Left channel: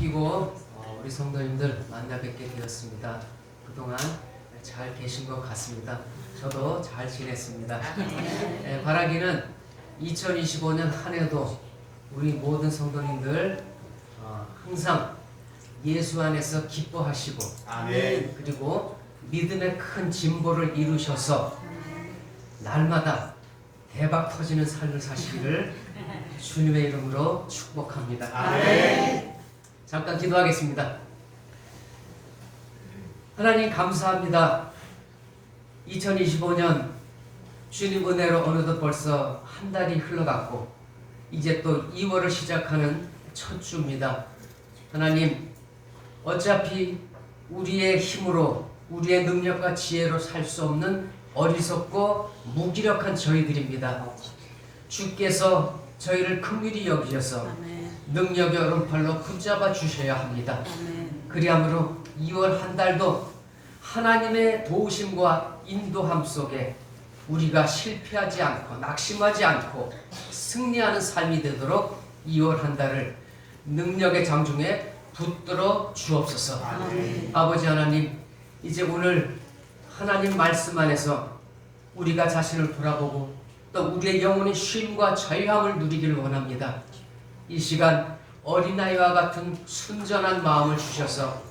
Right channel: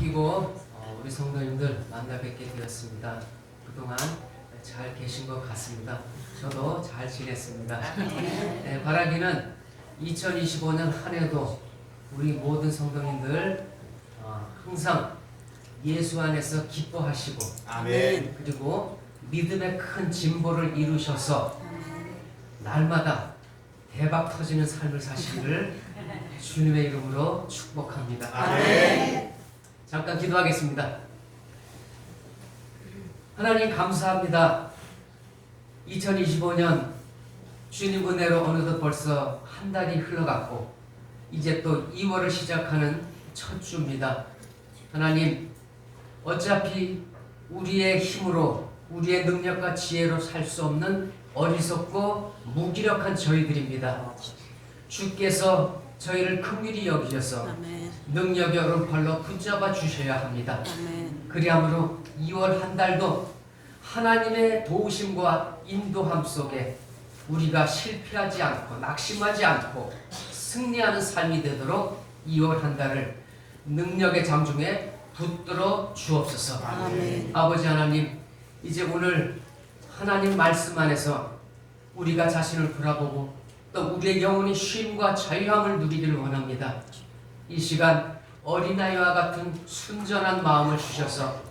바뀌고 우리 성도님들 만나 뵙게 되었습니다. 그동안 잘 계신 것 같습니다. 저도 잘 지냈습니다. 바라기는 2025년 한 해도 우리 모든 성도님들 항상 예수 안에서 기뻐하시고 아멘. 그리고 믿음의 큰 진보를 이루셔서 날마다 대박 터지는 삶을 사시기를 주님의 이름으로 축복합니다. 아멘. 잠깐 기도하겠습니다. 하나님 감사합니다. 2025년 주님 은혜로 어느덧 벌써 한 달이 흘러갔고 이제 또 2월을 시작하는 첫 주입니다. 하나님 어차피 우리의 힘으로 우리의 능력과 지혜로 살 수 없는 어리석고 무기력한 저희들입니다. 주께서 저희를 긍휼히 여기셔서 능력의 오른팔로 붙잡아 주셔야 합니다. 그리함으로 2월 한 달도 하나님의 도우심과 인도함 속에 우리가 실패하지 않고 낙심하지 않고 승리하는 삶이 되도록 2월 한 달을 능력의 장중에 붙들어 주옵소서. 아멘. 아버지 하나님, 이제 오늘 하나님 말씀 안에서 우리가 자신을 돌아보고 또 우리의 영혼의 쉼과 자유함을 누리기를 원합니다. 이 시간 어린아이와 같은 순전한 마음을 주셔서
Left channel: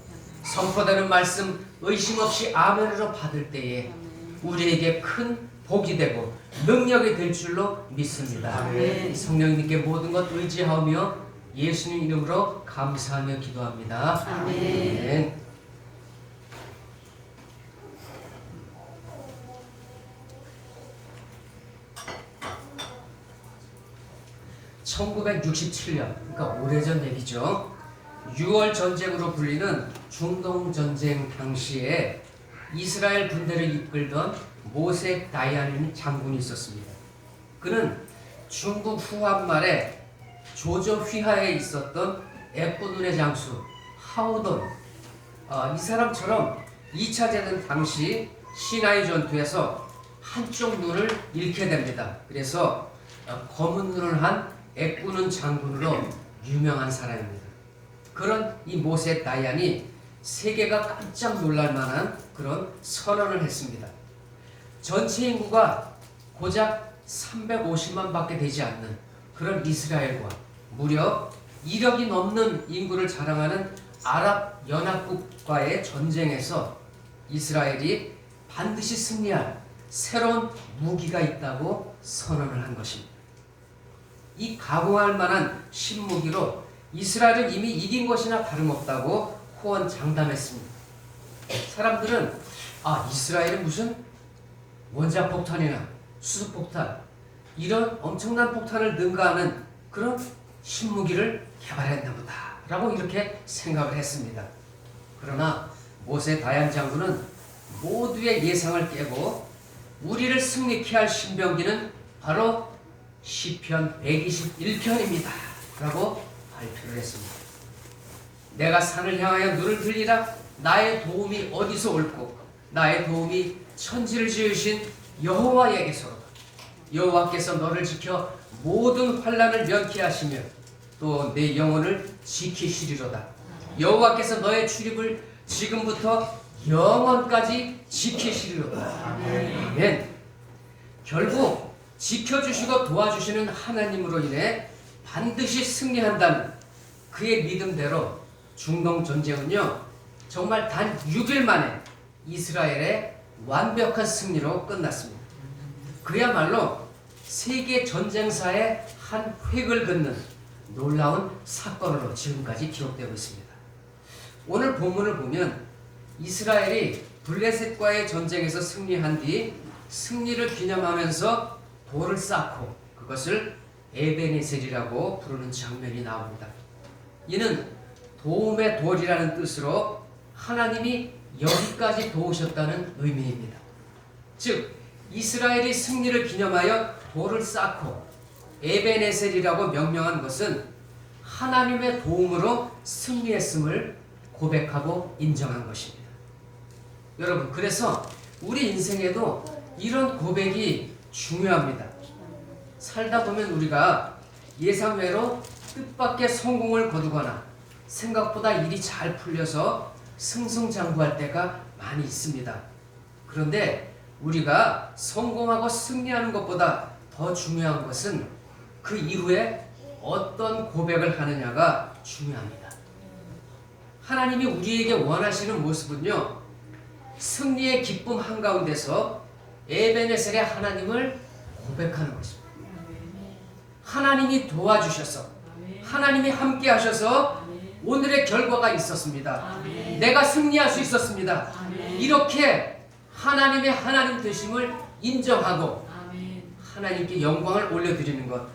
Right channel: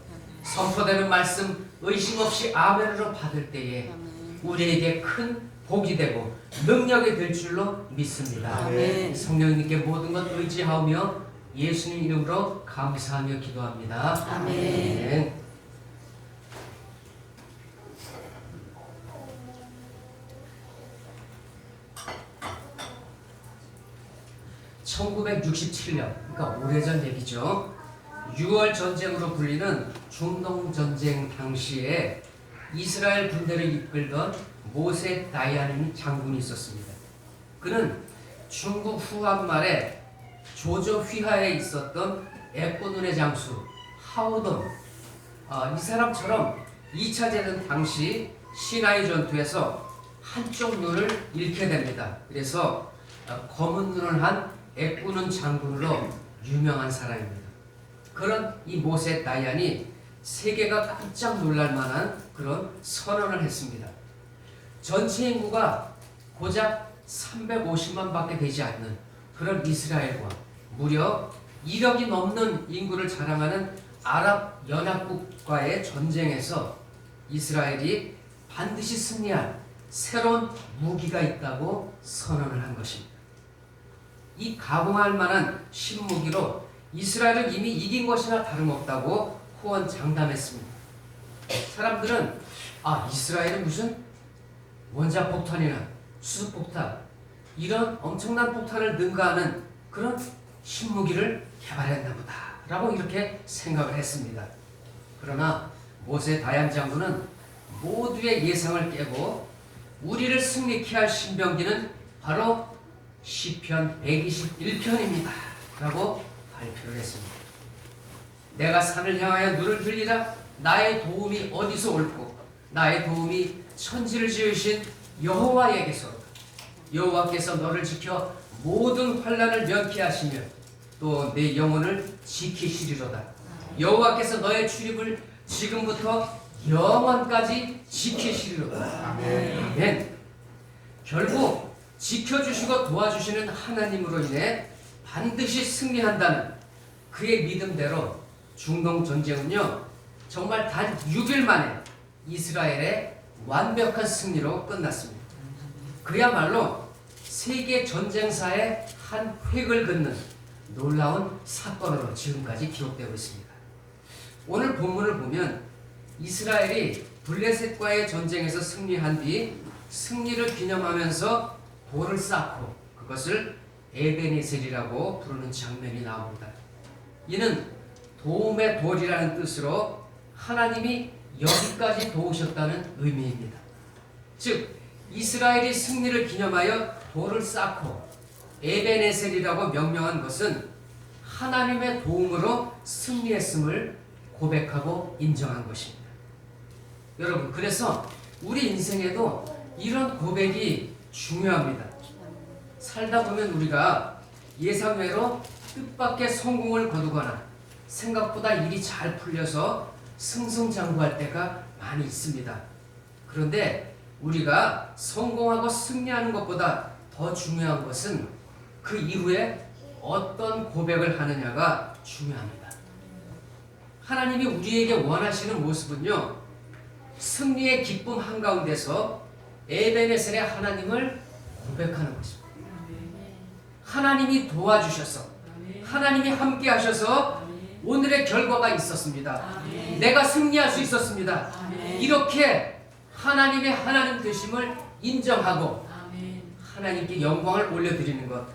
선포되는 말씀 의심 없이 아멘으로 받을 때에 우리에게 큰 복이 되고 능력이 될 줄로 믿습니다. 아멘. 성령님께 모든 것 의지하며 예수님 이름으로 감사하며 기도합니다. 아멘. 1967년, 그러니까 오래전 얘기죠. 6월 전쟁으로 불리는 중동 전쟁 당시에 이스라엘 군대를 이끌던 모세 다이안이라는 장군이 있었습니다. 그는 중국 후한 말에 조조 휘하에 있었던 에포눈의 장수 하우돈, 이 사람처럼 2차 대전 당시 시나이 전투에서 한쪽 눈을 잃게 됩니다. 그래서 검은 눈을 한 애꾸는 장군으로 유명한 사람입니다. 그런 이 모세 다이안이 세계가 깜짝 놀랄 만한 그런 선언을 했습니다. 전체 인구가 고작 350만 밖에 되지 않는 그런 이스라엘과 무려 1억이 넘는 인구를 자랑하는 아랍 연합국과의 전쟁에서 이스라엘이 반드시 승리할 새로운 무기가 있다고 선언을 한 것입니다. 이 가공할 만한 신무기로 이스라엘은 이미 이긴 것이나 다름없다고 호언장담했습니다. 사람들은 이스라엘은 무슨 원자폭탄이나 수소폭탄 이런 엄청난 폭탄을 능가하는 그런 신무기를 개발했나 보다 라고 이렇게 생각을 했습니다. 그러나 모세 다이안 장군은 모두의 예상을 깨고 우리를 승리케 할 신병기는 바로 시편 121편입니다 라고 발표를 했습니다. 내가 산을 향하여 눈을 들리라. 나의 도움이 어디서 올고 나의 도움이 천지를 지으신 여호와에게서 여호와께서 너를 지켜 모든 환난을 면케 하시며 또 내 영혼을 지키시리로다. 여호와께서 너의 출입을 지금부터 영원까지 지키시리로다. 아멘. 결국 지켜주시고 도와주시는 하나님으로 인해 반드시 승리한다는 그의 믿음대로 중동 전쟁은요 정말 단 6일 만에 이스라엘의 완벽한 승리로 끝났습니다. 그야말로 세계 전쟁사의 한 획을 긋는 놀라운 사건으로 지금까지 기록되고 있습니다. 오늘 본문을 보면 이스라엘이 블레셋과의 전쟁에서 승리한 뒤 승리를 기념하면서 돌을 쌓고 그것을 에베네셀이라고 부르는 장면이 나옵니다. 이는 도움의 돌이라는 뜻으로 하나님이 여기까지 도우셨다는 의미입니다. 즉 이스라엘이 승리를 기념하여 돌을 쌓고 에베네셀이라고 명명한 것은 하나님의 도움으로 승리했음을 고백하고 인정한 것입니다. 여러분, 그래서 우리 인생에도 이런 고백이 중요합니다. 살다 보면 우리가 예상외로 뜻밖의 성공을 거두거나 생각보다 일이 잘 풀려서 승승장구할 때가 많이 있습니다. 그런데 우리가 성공하고 승리하는 것보다 더 중요한 것은 그 이후에 어떤 고백을 하느냐가 중요합니다. 하나님이 우리에게 원하시는 모습은요, 승리의 기쁨 한가운데서 에베네셀의 하나님을 고백하는 것입니다. 하나님이 도와주셔서, 하나님이 함께 하셔서 오늘의 결과가 있었습니다. 내가 승리할 수 있었습니다. 이렇게 하나님의 하나님 되심을 인정하고 하나님께 영광을 올려드리는 것,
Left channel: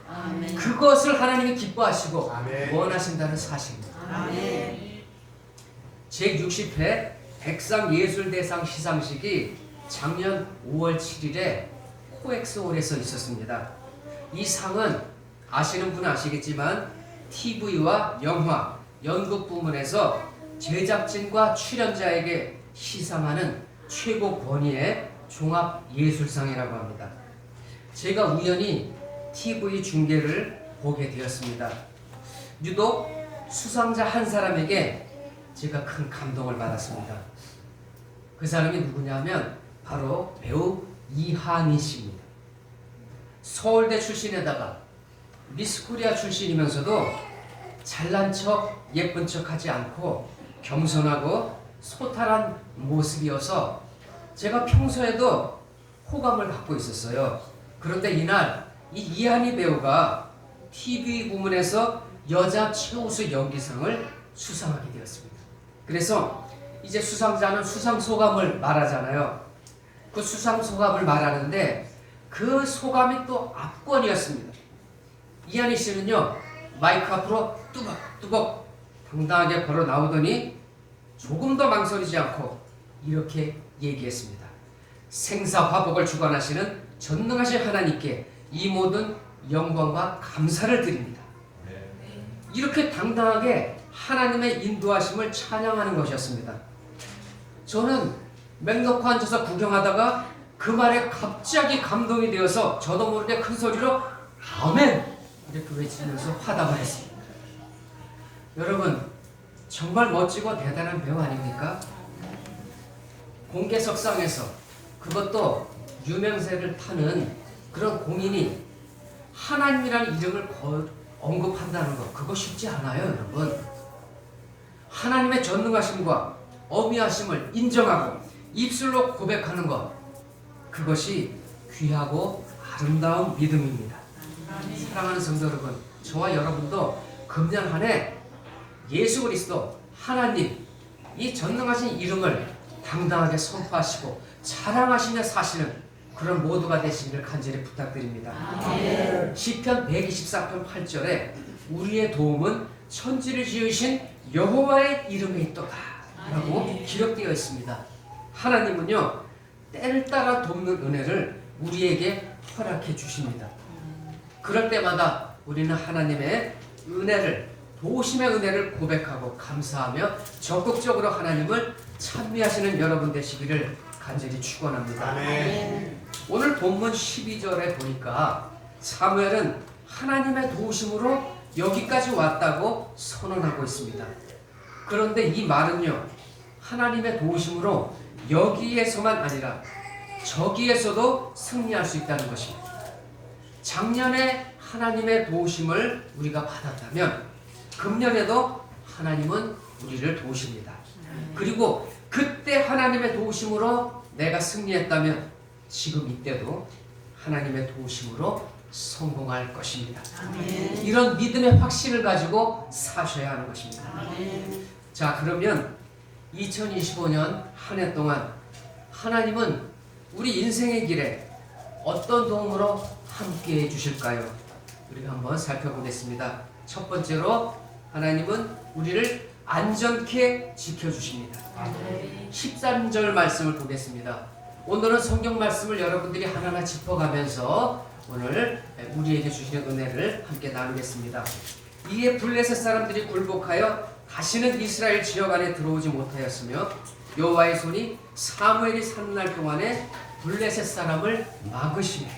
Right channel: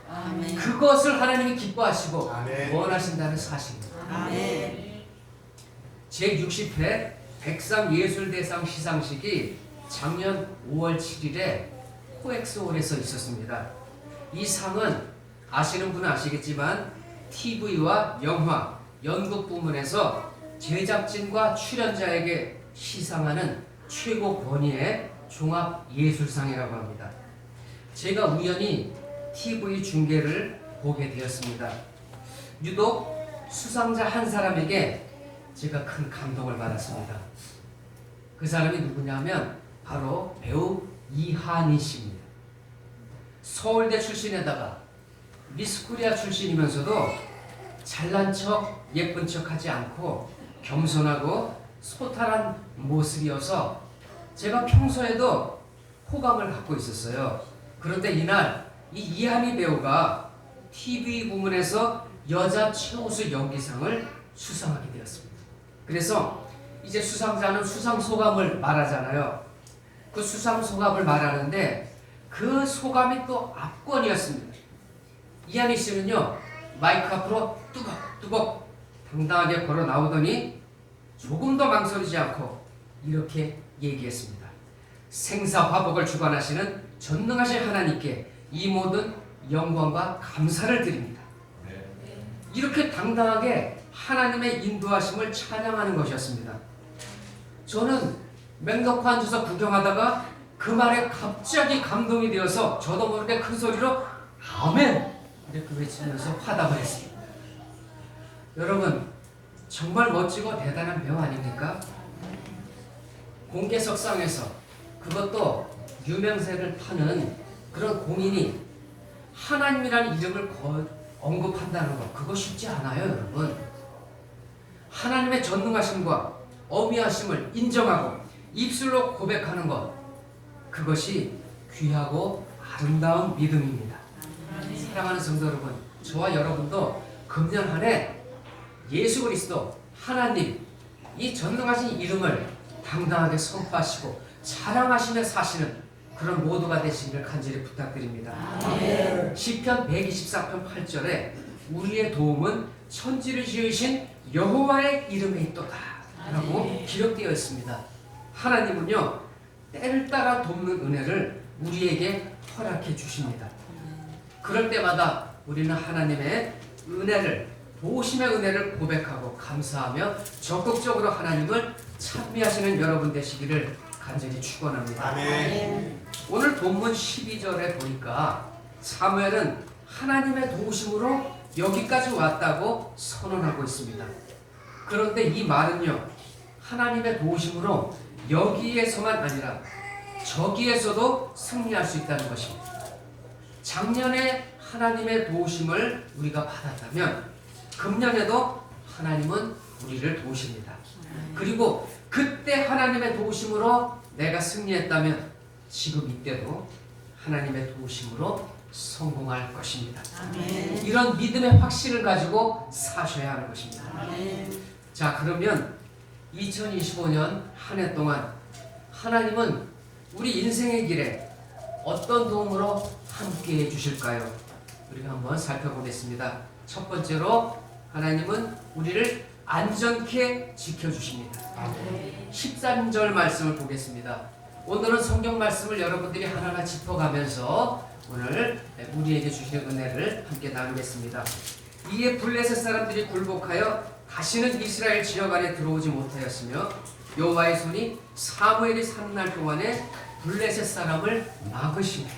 그것을 하나님이 기뻐하시고 원하신다는 사실입니다. 제60회 백상예술대상 시상식이 작년 5월 7일에 코엑스홀에서 있었습니다. 이 상은 아시는 분은 아시겠지만 TV와 영화, 연극 부문에서 제작진과 출연자에게 시상하는 최고 권위의 종합예술상이라고 합니다. 제가 우연히 TV 중계를 보게 되었습니다. 유독 수상자 한 사람에게 제가 큰 감동을 받았습니다. 그 사람이 누구냐면 바로 배우 이한희 씨입니다. 서울대 출신에다가 미스코리아 출신이면서도 잘난 척, 예쁜 척 하지 않고 겸손하고 소탈한 모습이어서 제가 평소에도 호감을 갖고 있었어요. 그런데 이날 이 이한희 배우가 TV 부문에서 여자 최우수 연기상을 수상하게 되었습니다. 그래서 이제 수상자는 수상 소감을 말하잖아요. 그 수상 소감을 말하는데 그 소감이 또 압권이었습니다. 이한희 씨는요, 마이크 앞으로 뚜벅뚜벅 당당하게 걸어 나오더니 조금 더 망설이지 않고 이렇게 얘기했습니다. 생사화복을 주관하시는 전능하신 하나님께 이 모든 영광과 감사를 드립니다. 이렇게 당당하게 하나님의 인도하심을 찬양하는 것이었습니다. 저는 맥 놓고 앉아서 구경하다가 그 말에 갑자기 감동이 되어서 저도 모르게 큰 소리로 아멘! 이렇게 외치면서 화답을 했습니다. 여러분, 정말 멋지고 대단한 배우 아닙니까? 공개석상에서, 그것도 유명세를 타는 그런 공인이 하나님이라는 이름을 언급한다는 것, 그거 쉽지 않아요, 여러분. 하나님의 전능하심과 어미하심을 인정하고 입술로 고백하는 것, 그것이 귀하고 아름다운 믿음입니다. 사랑하는 성도 여러분, 저와 여러분도 금년 한 해 예수 그리스도 하나님 이 전능하신 이름을 당당하게 선포하시고 자랑하시며 사시는 그런 모두가 되시기를 간절히 부탁드립니다. 시편 124편 8절에 우리의 도움은 천지를 지으신 여호와의 이름에 있도다 라고 기록되어 있습니다. 하나님은요, 때를 따라 돕는 은혜를 우리에게 허락해 주십니다. 그럴 때마다 우리는 하나님의 은혜를, 도우심의 은혜를 고백하고 감사하며 적극적으로 하나님을 찬미하시는 여러분 되시기를 간절히 축원합니다. 오늘 본문 12절에 보니까 사무엘은 하나님의 도우심으로 여기까지 왔다고 선언하고 있습니다. 그런데 이 말은요, 하나님의 도우심으로 여기에서만 아니라 저기에서도 승리할 수 있다는 것입니다. 작년에 하나님의 도우심을 우리가 받았다면 금년에도 하나님은 우리를 도우십니다. 그리고 그때 하나님의 도우심으로 내가 승리했다면 지금 이때도 하나님의 도우심으로 성공할 것입니다. 이런 믿음의 확신을 가지고 사셔야 하는 것입니다. 자, 그러면 2025년 한 해 동안 하나님은 우리 인생의 길에 어떤 도움으로 함께해 주실까요? 우리가 한번 살펴보겠습니다. 첫 번째로 하나님은 우리를 안전케 지켜주십니다. 13절 말씀을 보겠습니다. 오늘은 성경 말씀을 여러분들이 하나하나 짚어가면서 오늘 우리에게 주시는 은혜를 함께 나누겠습니다. 이에 블레셋 사람들이 굴복하여 다시는 이스라엘 지역 안에 들어오지 못하였으며 여호와의 손이 사무엘이 사는 날 동안에 블레셋 사람을 막으시네.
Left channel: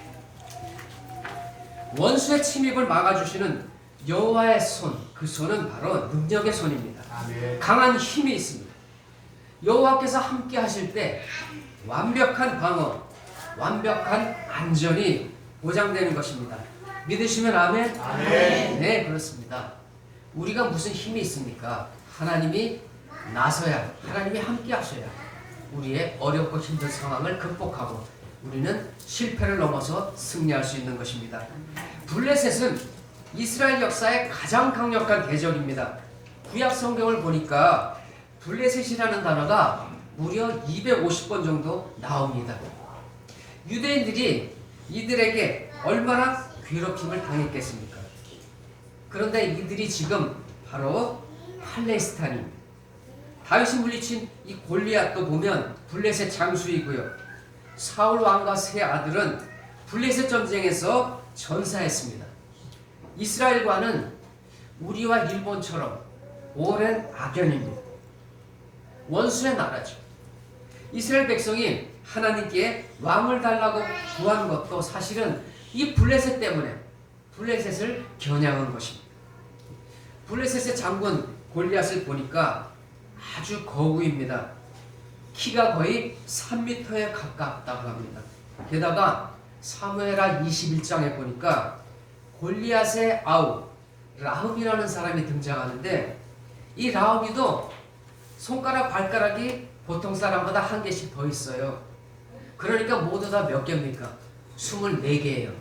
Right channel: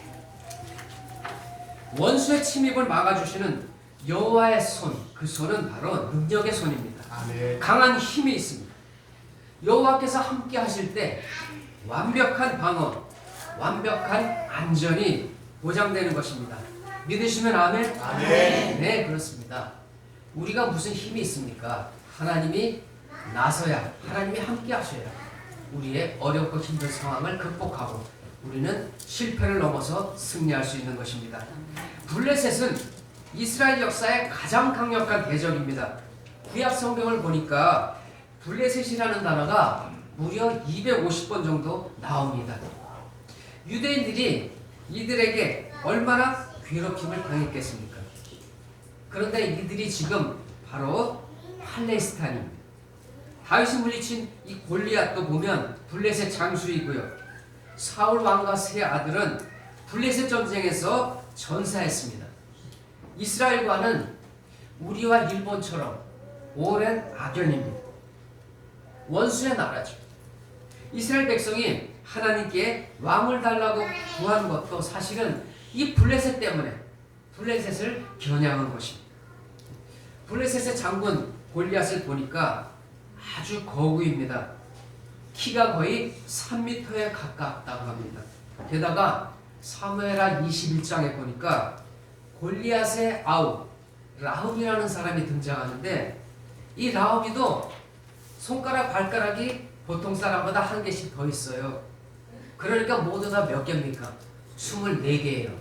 원수의 침입을 막아주시는 여호와의 손, 그 손은 바로 능력의 손입니다. 아멘. 강한 힘이 있습니다. 여호와께서 함께 하실 때 완벽한 방어, 완벽한 안전이 보장되는 것입니다. 믿으시면 아멘? 아멘. 네, 그렇습니다. 우리가 무슨 힘이 있습니까? 하나님이 나서야, 하나님이 함께 하셔야 우리의 어렵고 힘든 상황을 극복하고 우리는 실패를 넘어서 승리할 수 있는 것입니다. 블레셋은 이스라엘 역사의 가장 강력한 대적입니다. 구약 성경을 보니까 블레셋이라는 단어가 무려 250번 정도 나옵니다. 유대인들이 이들에게 얼마나 괴롭힘을 당했겠습니까? 그런데 이들이 지금 바로 팔레스타인입니다. 다윗이 물리친 이 골리앗도 보면 블레셋 장수이고요. 사울 왕과 세 아들은 블레셋 전쟁에서 전사했습니다. 이스라엘과는 우리와 일본처럼 오랜 악연입니다. 원수의 나라죠. 이스라엘 백성이 하나님께 왕을 달라고 구한 것도 사실은 이 블레셋 때문에 블레셋을 겨냥한 것입니다. 블레셋의 장군 골리앗을 보니까 아주 거구입니다. 키가 거의 3m에 가깝다고 합니다. 게다가 사무엘하 21장에 보니까 골리앗의 아우 라합이라는 사람이 등장하는데 이 라합이도 손가락 발가락이 보통 사람보다 한 개씩 더 있어요. 그러니까 모두 다 몇 개입니까? 24개예요.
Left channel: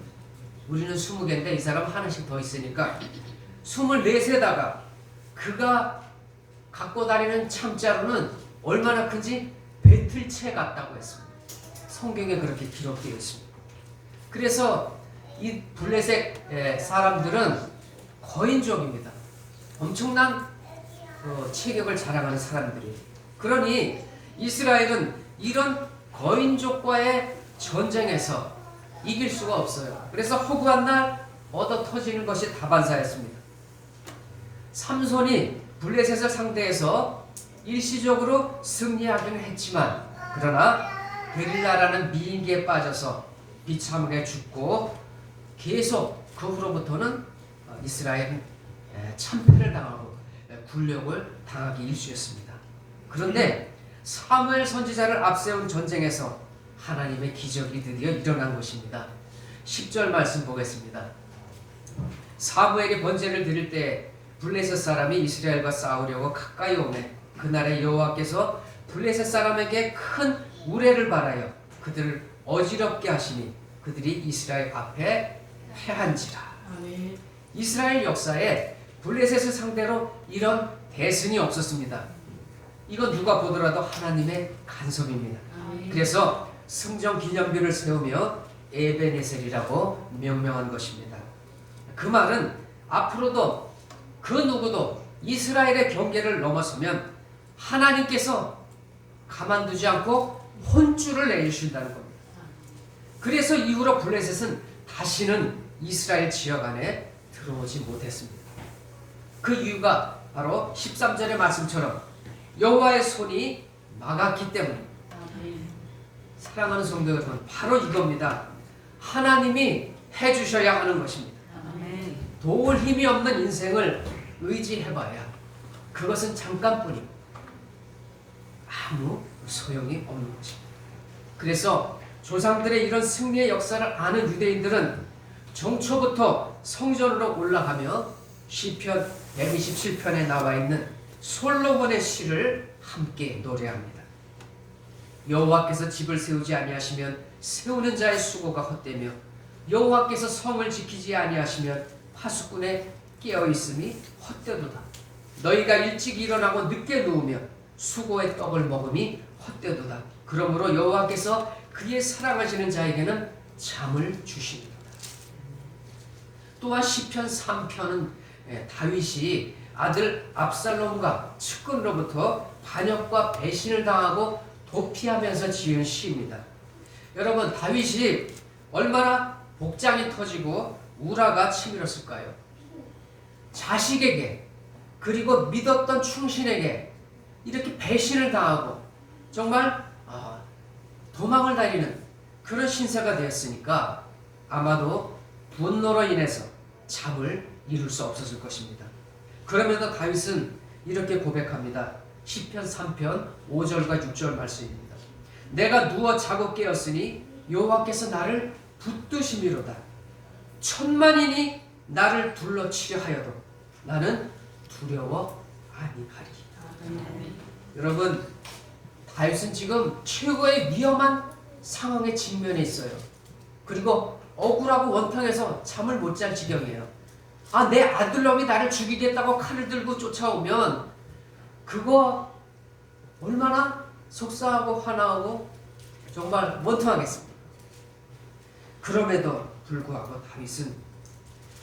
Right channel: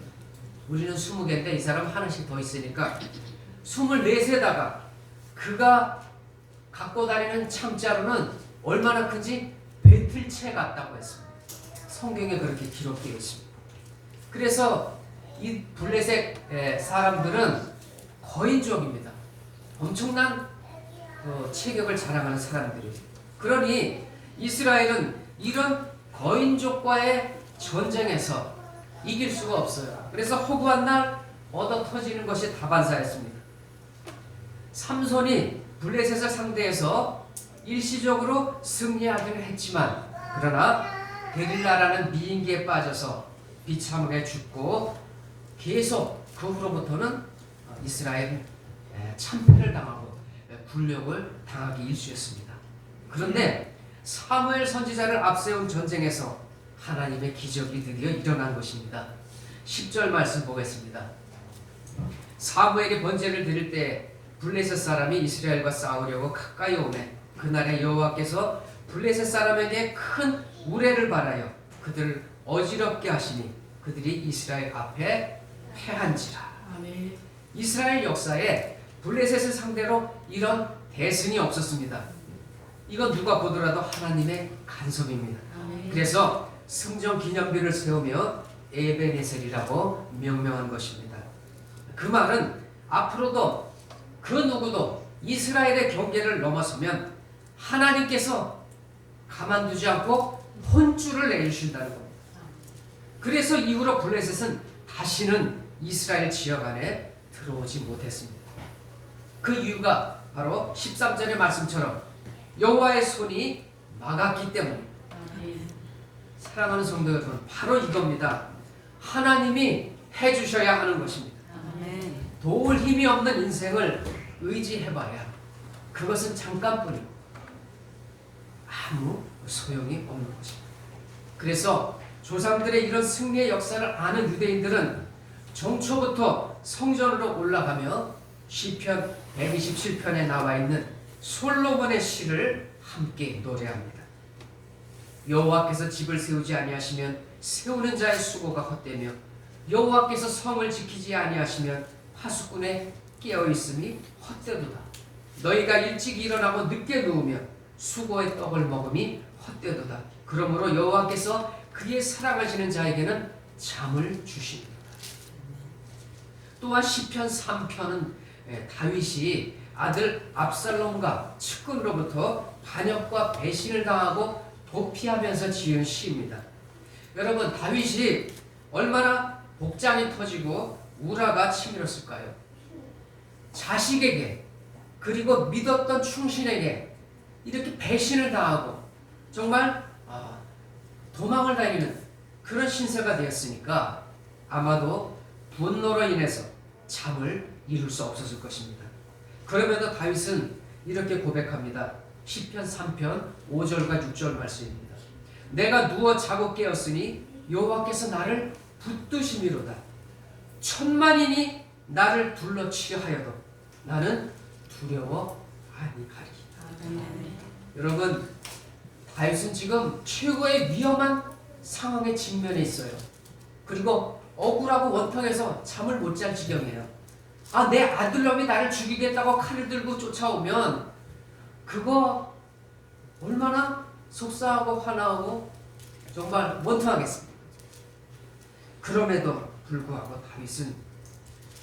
우리는 20개인데 이 사람 하나씩 더 있으니까 24세다가 그가 갖고 다니는 참자루는 얼마나 큰지 배틀채 같다고 했습니다. 성경에 그렇게 기록되어 있습니다. 그래서 이 블레셋 사람들은 거인족입니다. 엄청난 체격을 자랑하는 사람들이에요. 그러니 이스라엘은 이런 거인족과의 전쟁에서 이길 수가 없어요. 그래서 허구한 날 얻어 터지는 것이 다반사였습니다. 삼손이 블레셋을 상대해서 일시적으로 승리하기는 했지만 그러나 데릴라라는 미인계에 빠져서 비참하게 죽고 계속 그 후로부터는 이스라엘은 참패를 당하고 굴욕을 당하기 일쑤였습니다. 그런데 사무엘 선지자를 앞세운 전쟁에서 하나님의 기적이 드디어 일어난 것입니다. 10절 말씀 보겠습니다. 사무엘이 번제를 드릴 때 블레셋 사람이 이스라엘과 싸우려고 가까이 오매 그날에 여호와께서 블레셋 사람에게 큰 우레를 발하여 그들을 어지럽게 하시니 그들이 이스라엘 앞에 패한지라. 아멘. 이스라엘 역사에 블레셋을 상대로 이런 대승이 없었습니다. 이건 누가 보더라도 하나님의 간섭입니다. 아멘. 그래서 승전 기념비를 세우며 에베네셀이라고 명명한 것입니다. 그 말은 앞으로도 그 누구도 이스라엘의 경계를 넘어서면 하나님께서 가만두지 않고 혼쭐을 내주신다는 겁니다. 그래서 이후로 블레셋은 다시는 이스라엘 지역 안에 들어오지 못했습니다. 그 이유가 바로 13절의 말씀처럼 여호와의 손이 막았기 때문입니다. 아멘. 사랑하는 성도 여러분, 바로 이겁니다. 하나님이 해주셔야 하는 것입니다. 아멘. 도울 힘이 없는 인생을 의지해봐야 그것은 잠깐뿐이고 아무 소용이 없는 것입니다. 그래서 조상들의 이런 승리의 역사를 아는 유대인들은 정초부터 성전으로 올라가며 시편 127편에 나와 있는 솔로몬의 시를 함께 노래합니다. 여호와께서 집을 세우지 아니하시면 세우는 자의 수고가 헛되며 여호와께서 성을 지키지 아니하시면 파수꾼의 깨어있음이 헛되도다. 너희가 일찍 일어나고 늦게 누우며 수고의 떡을 먹음이 헛되도다. 그러므로 여호와께서 그의 사랑하시는 자에게는 잠을 주십니다. 또한 시편 3편은 다윗이 아들 압살롬과 측근으로부터 반역과 배신을 당하고 도피하면서 지은 시입니다. 여러분, 다윗이 얼마나 복장이 터지고 우라가 치밀었을까요? 자식에게 그리고 믿었던 충신에게 이렇게 배신을 당하고 정말 도망을 다니는 그런 신세가 되었으니까 아마도 분노로 인해서 잠을 이룰 수 없었을 것입니다. 그러면서 다윗은 이렇게 고백합니다. 시편 3편 5절과 6절 말씀입니다. 내가 누워 자고 깨었으니 여호와께서 나를 붙드심이로다. 천만인이 나를 둘러치려 하여도 나는 두려워 아니하리. 여러분, 다윗은 지금 최고의 위험한 상황에 직면해 있어요. 그리고 억울하고 원통해서 잠을 못 잘 지경이에요. 내 아들놈이 나를 죽이겠다고 칼을 들고 쫓아오면 그거 얼마나 속상하고 화나고 정말 원통하겠습니까? 그럼에도 불구하고 다윗은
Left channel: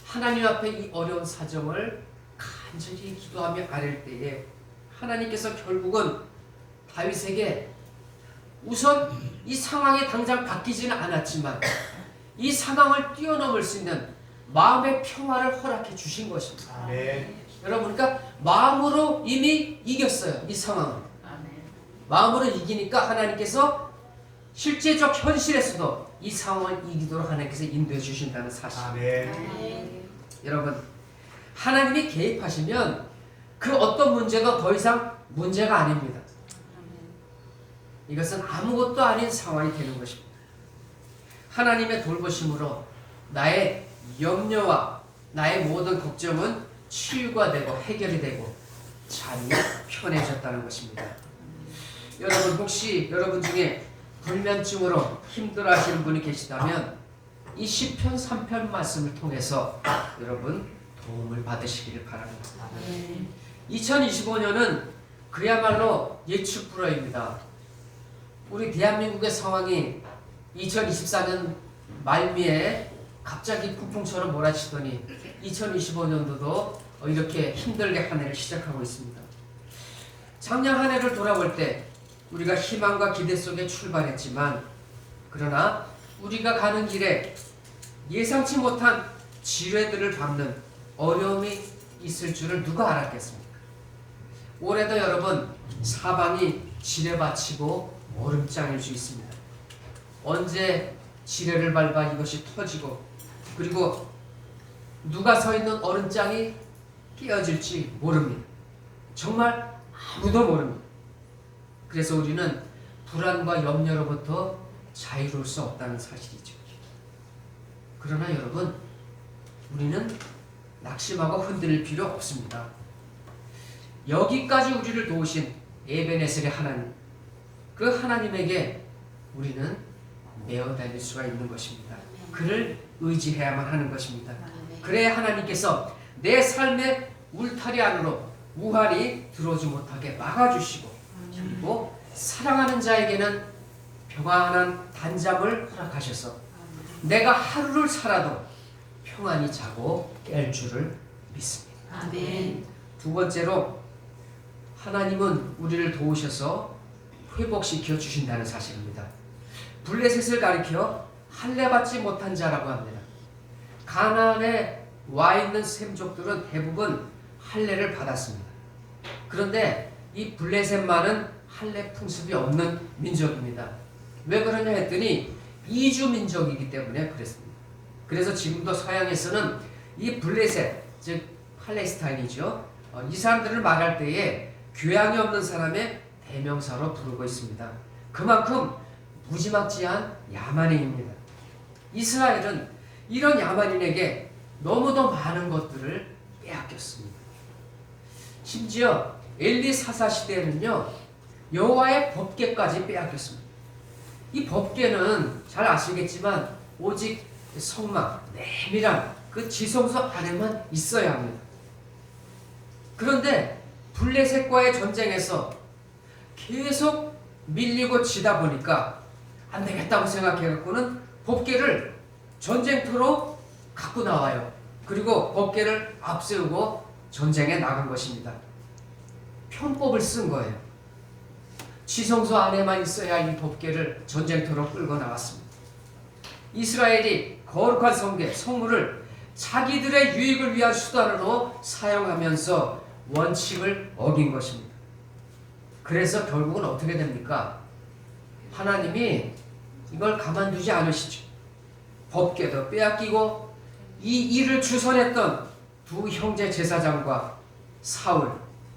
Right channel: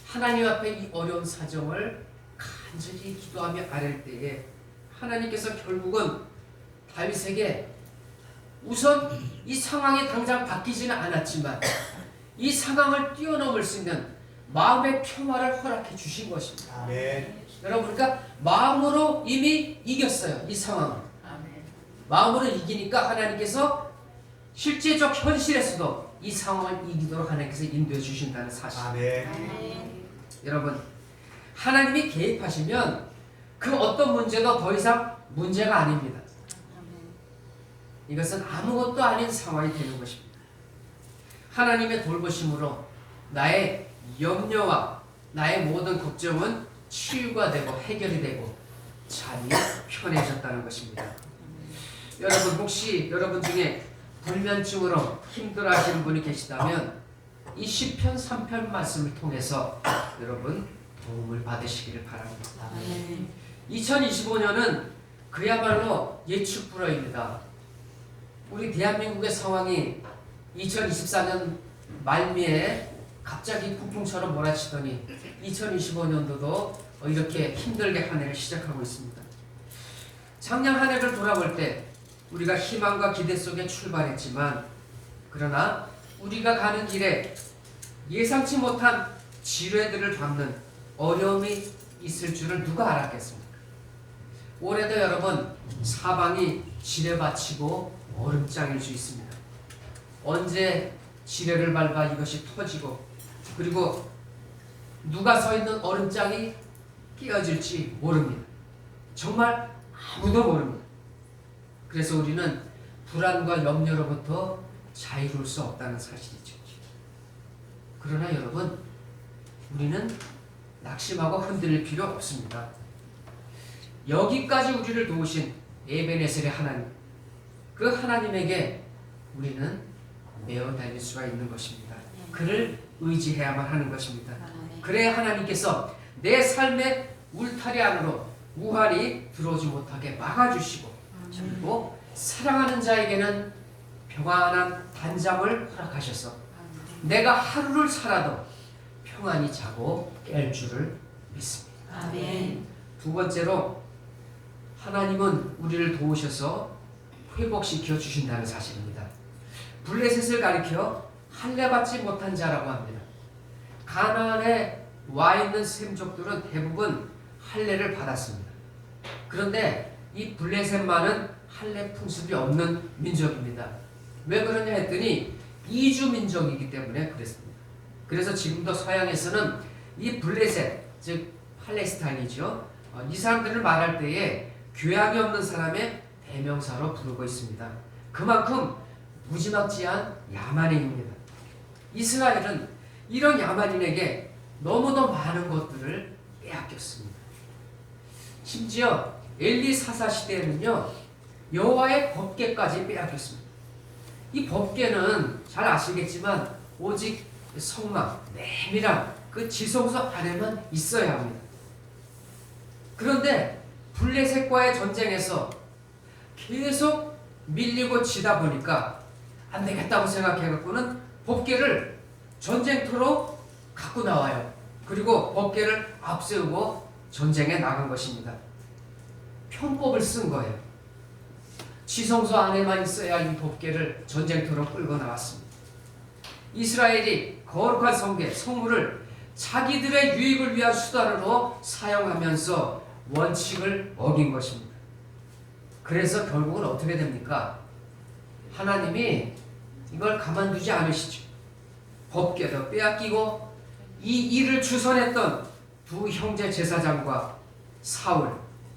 하나님 앞에 이 어려운 사정을 간절히 기도하며 아랠 때에 하나님께서 결국은 다윗에게 우선 이 상황이 당장 바뀌지는 않았지만 이 상황을 뛰어넘을 수 있는 마음의 평화를 허락해 주신 것입니다. 아멘. 여러분, 그러니까 마음으로 이미 이겼어요. 이 상황을. 마음으로 이기니까 하나님께서 실제적 현실에서도 이 상황을 이기도록 하나님께서 인도해 주신다는 사실. 아멘. 여러분, 하나님이 개입하시면 그 어떤 문제도 더 이상 문제가 아닙니다. 이것은 아무것도 아닌 상황이 되는 것입니다. 하나님의 돌보심으로 나의 염려와 나의 모든 걱정은 치유가 되고 해결이 되고 잠이 편해졌다는 것입니다. 여러분, 혹시 여러분 중에 불면증으로 힘들어하시는 분이 계시다면 이 시편 3편 말씀을 통해서 여러분 도움을 받으시기를 바랍니다. 2025년은 그야말로 예측불허입니다. 우리 대한민국의 상황이 2024년 말미에 갑자기 폭풍처럼 몰아치더니 2025년도도 이렇게 힘들게 한 해를 시작하고 있습니다. 작년 한 해를 돌아볼 때 우리가 희망과 기대 속에 출발했지만 그러나 우리가 가는 길에 예상치 못한 지뢰들을 밟는 어려움이 있을 줄을 누가 알았겠습니까? 올해도 여러분 사방이 지뢰밭이고 얼음장일 수 있습니다. 언제 지뢰를 밟아 이것이 터지고 그리고 누가 서 있는 얼음장이 깨어질지 모릅니다. 정말 아무도 모릅니다. 그래서 우리는 불안과 염려로부터 자유로울 수 없다는 사실이죠. 그러나 여러분, 우리는 낙심하고 흔들릴 필요 없습니다. 여기까지 우리를 도우신 에베네셀의 하나님, 그 하나님에게 우리는 매어 달릴 수가 있는 것입니다. 그를 의지해야만 하는 것입니다. 그래야 하나님께서 내 삶의 울타리 안으로 우환이 들어오지 못하게 막아주시고 그리고 사랑하는 자에게는 평안한 단잠을 허락하셔서 내가 하루를 살아도 평안히 자고 깰 줄을 믿습니다. 아멘. 두 번째로 하나님은 우리를 도우셔서 회복시켜 주신다는 사실입니다. 블레셋을 가리켜 할례 받지 못한 자라고 합니다. 가나안에 와 있는 셈족들은 대부분 할례를 받았습니다. 그런데 이 블레셋만은 할례 풍습이 없는 민족입니다. 왜 그러냐 했더니 이주 민족이기 때문에 그랬습니다. 그래서 지금도 서양에서는 이 블레셋, 즉 팔레스타인이죠. 이 사람들을 말할 때에 교양이 없는 사람의 대명사로 부르고 있습니다. 그만큼 무지막지한 야만인입니다. 이스라엘은 이런 야만인에게 너무도 많은 것들을 빼앗겼습니다. 심지어 엘리 사사 시대에는요, 여호와의 법궤까지 빼앗겼습니다. 이 법궤는 잘 아시겠지만 오직 성막, 내밀한 그 지성소 안에만 있어야 합니다. 그런데 블레셋과의 전쟁에서 계속 밀리고 지다 보니까 안 되겠다고 생각해갖고는 법궤를 전쟁터로 갖고 나와요. 그리고 법궤를 앞세우고 전쟁에 나간 것입니다. 편법을 쓴 거예요. 지성소 안에만 있어야 이 법궤를 전쟁터로 끌고 나왔습니다. 이스라엘이 거룩한 성궤, 성물을 자기들의 유익을 위한 수단으로 사용하면서 원칙을 어긴 것입니다. 그래서 결국은 어떻게 됩니까? 하나님이 이걸 가만두지 않으시죠. 법궤도 빼앗기고 이 일을 주선했던 두 형제 제사장과 사울,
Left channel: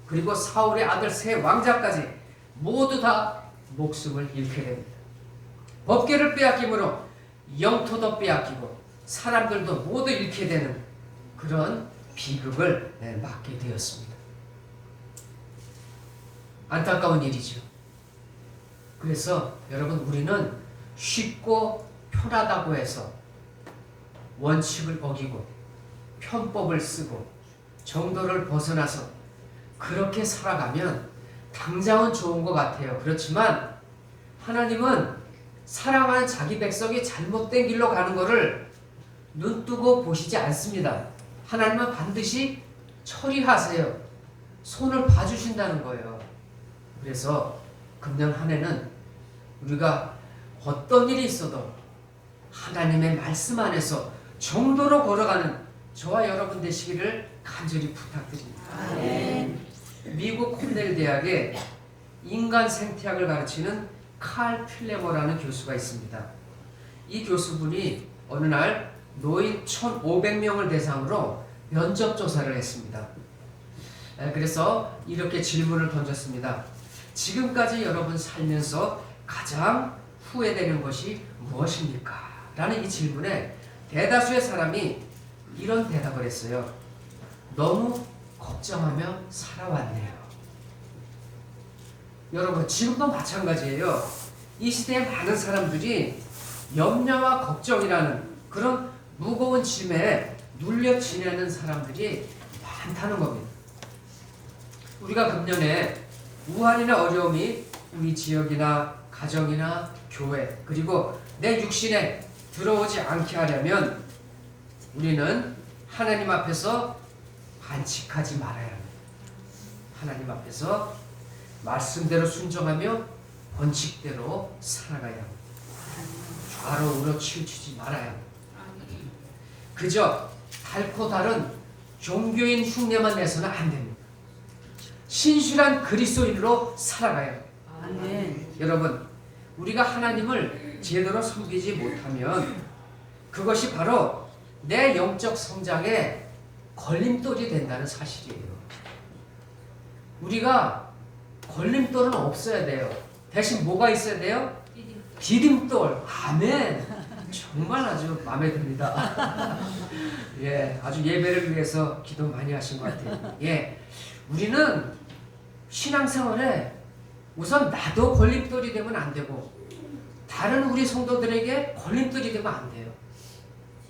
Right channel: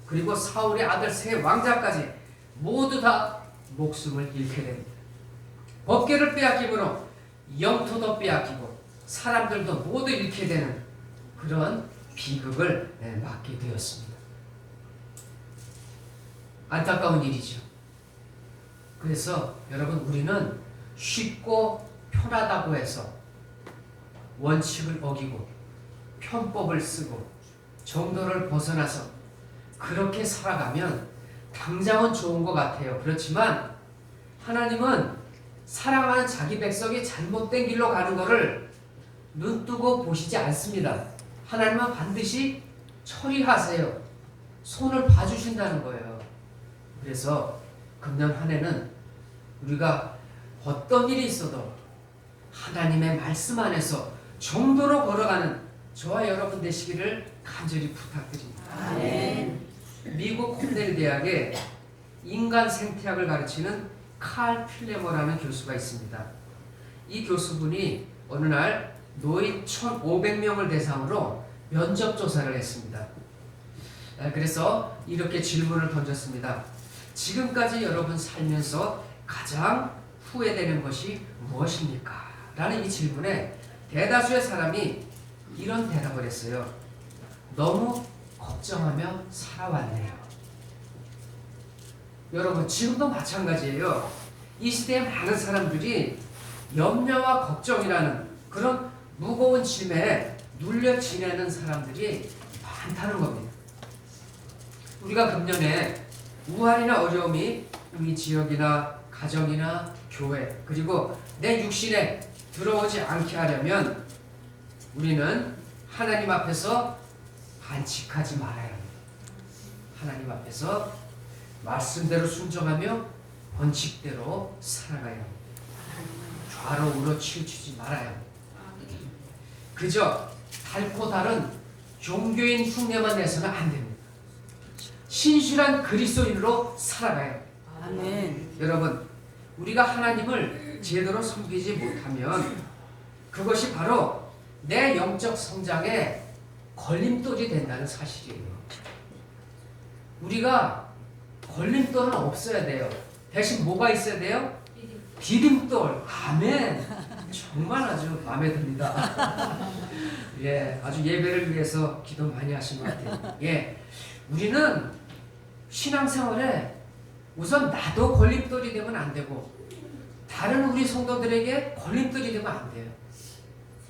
그리고 사울의 아들 세 왕자까지 모두 다 목숨을 잃게 됩니다. 법궤를 빼앗김으로 영토도 빼앗기고 사람들도 모두 잃게 되는 그런 비극을 맞게 되었습니다. 안타까운 일이죠. 그래서 여러분, 우리는 쉽고 편하다고 해서 원칙을 어기고 편법을 쓰고 정도를 벗어나서 그렇게 살아가면 당장은 좋은 것 같아요. 그렇지만 하나님은 사랑하는 자기 백성이 잘못된 길로 가는 것을 눈뜨고 보시지 않습니다. 하나님은 반드시 처리하세요. 손을 봐주신다는 거예요. 그래서 금년 한 해는 우리가 어떤 일이 있어도 하나님의 말씀 안에서 정도로 걸어가는 저와 여러분 되시기를 간절히 부탁드립니다. 아멘. 미국 코넬 대학에 인간 생태학을 가르치는 칼 필레머라는 교수가 있습니다. 이 교수분이 어느 날 노인 1,500명을 대상으로 면접 조사를 했습니다. 그래서 이렇게 질문을 던졌습니다. 지금까지 여러분 살면서 가장 후회되는 것이 무엇입니까? 라는 이 질문에 대다수의 사람이 이런 대답을 했어요. 너무 걱정하며 살아왔네요. 여러분, 지금도 마찬가지예요. 이 시대에 많은 사람들이 염려와 걱정이라는 그런 무거운 짐에 눌려 지내는 사람들이 많다는 겁니다. 우리가 금년에 우환이나 어려움이 이 지역이나 가정이나 교회 그리고 내 육신에 들어오지 않게 하려면 우리는 하나님 앞에서 반칙하지 말아야 합니다. 하나님 앞에서 말씀대로 순종하며 원칙대로 살아가야 합니다. 좌로 우로 치우치지 말아야 합니다. 그저 달고 다른 종교인 흉내만 내서는 안 됩니다. 신실한 그리스도인으로 살아가야 합니다. 아멘. 여러분, 우리가 하나님을 제대로 섬기지 못하면 그것이 바로 내 영적 성장에 걸림돌이 된다는 사실이에요. 우리가 걸림돌은 없어야 돼요. 대신 뭐가 있어야 돼요? 디딤돌. 아멘. 정말 아주 마음에 듭니다. 예, 아주 예배를 위해서 기도 많이 하신 것 같아요. 예, 우리는 신앙생활에 우선 나도 걸림돌이 되면 안 되고 다른 우리 성도들에게 걸림돌이 되면 안 돼요.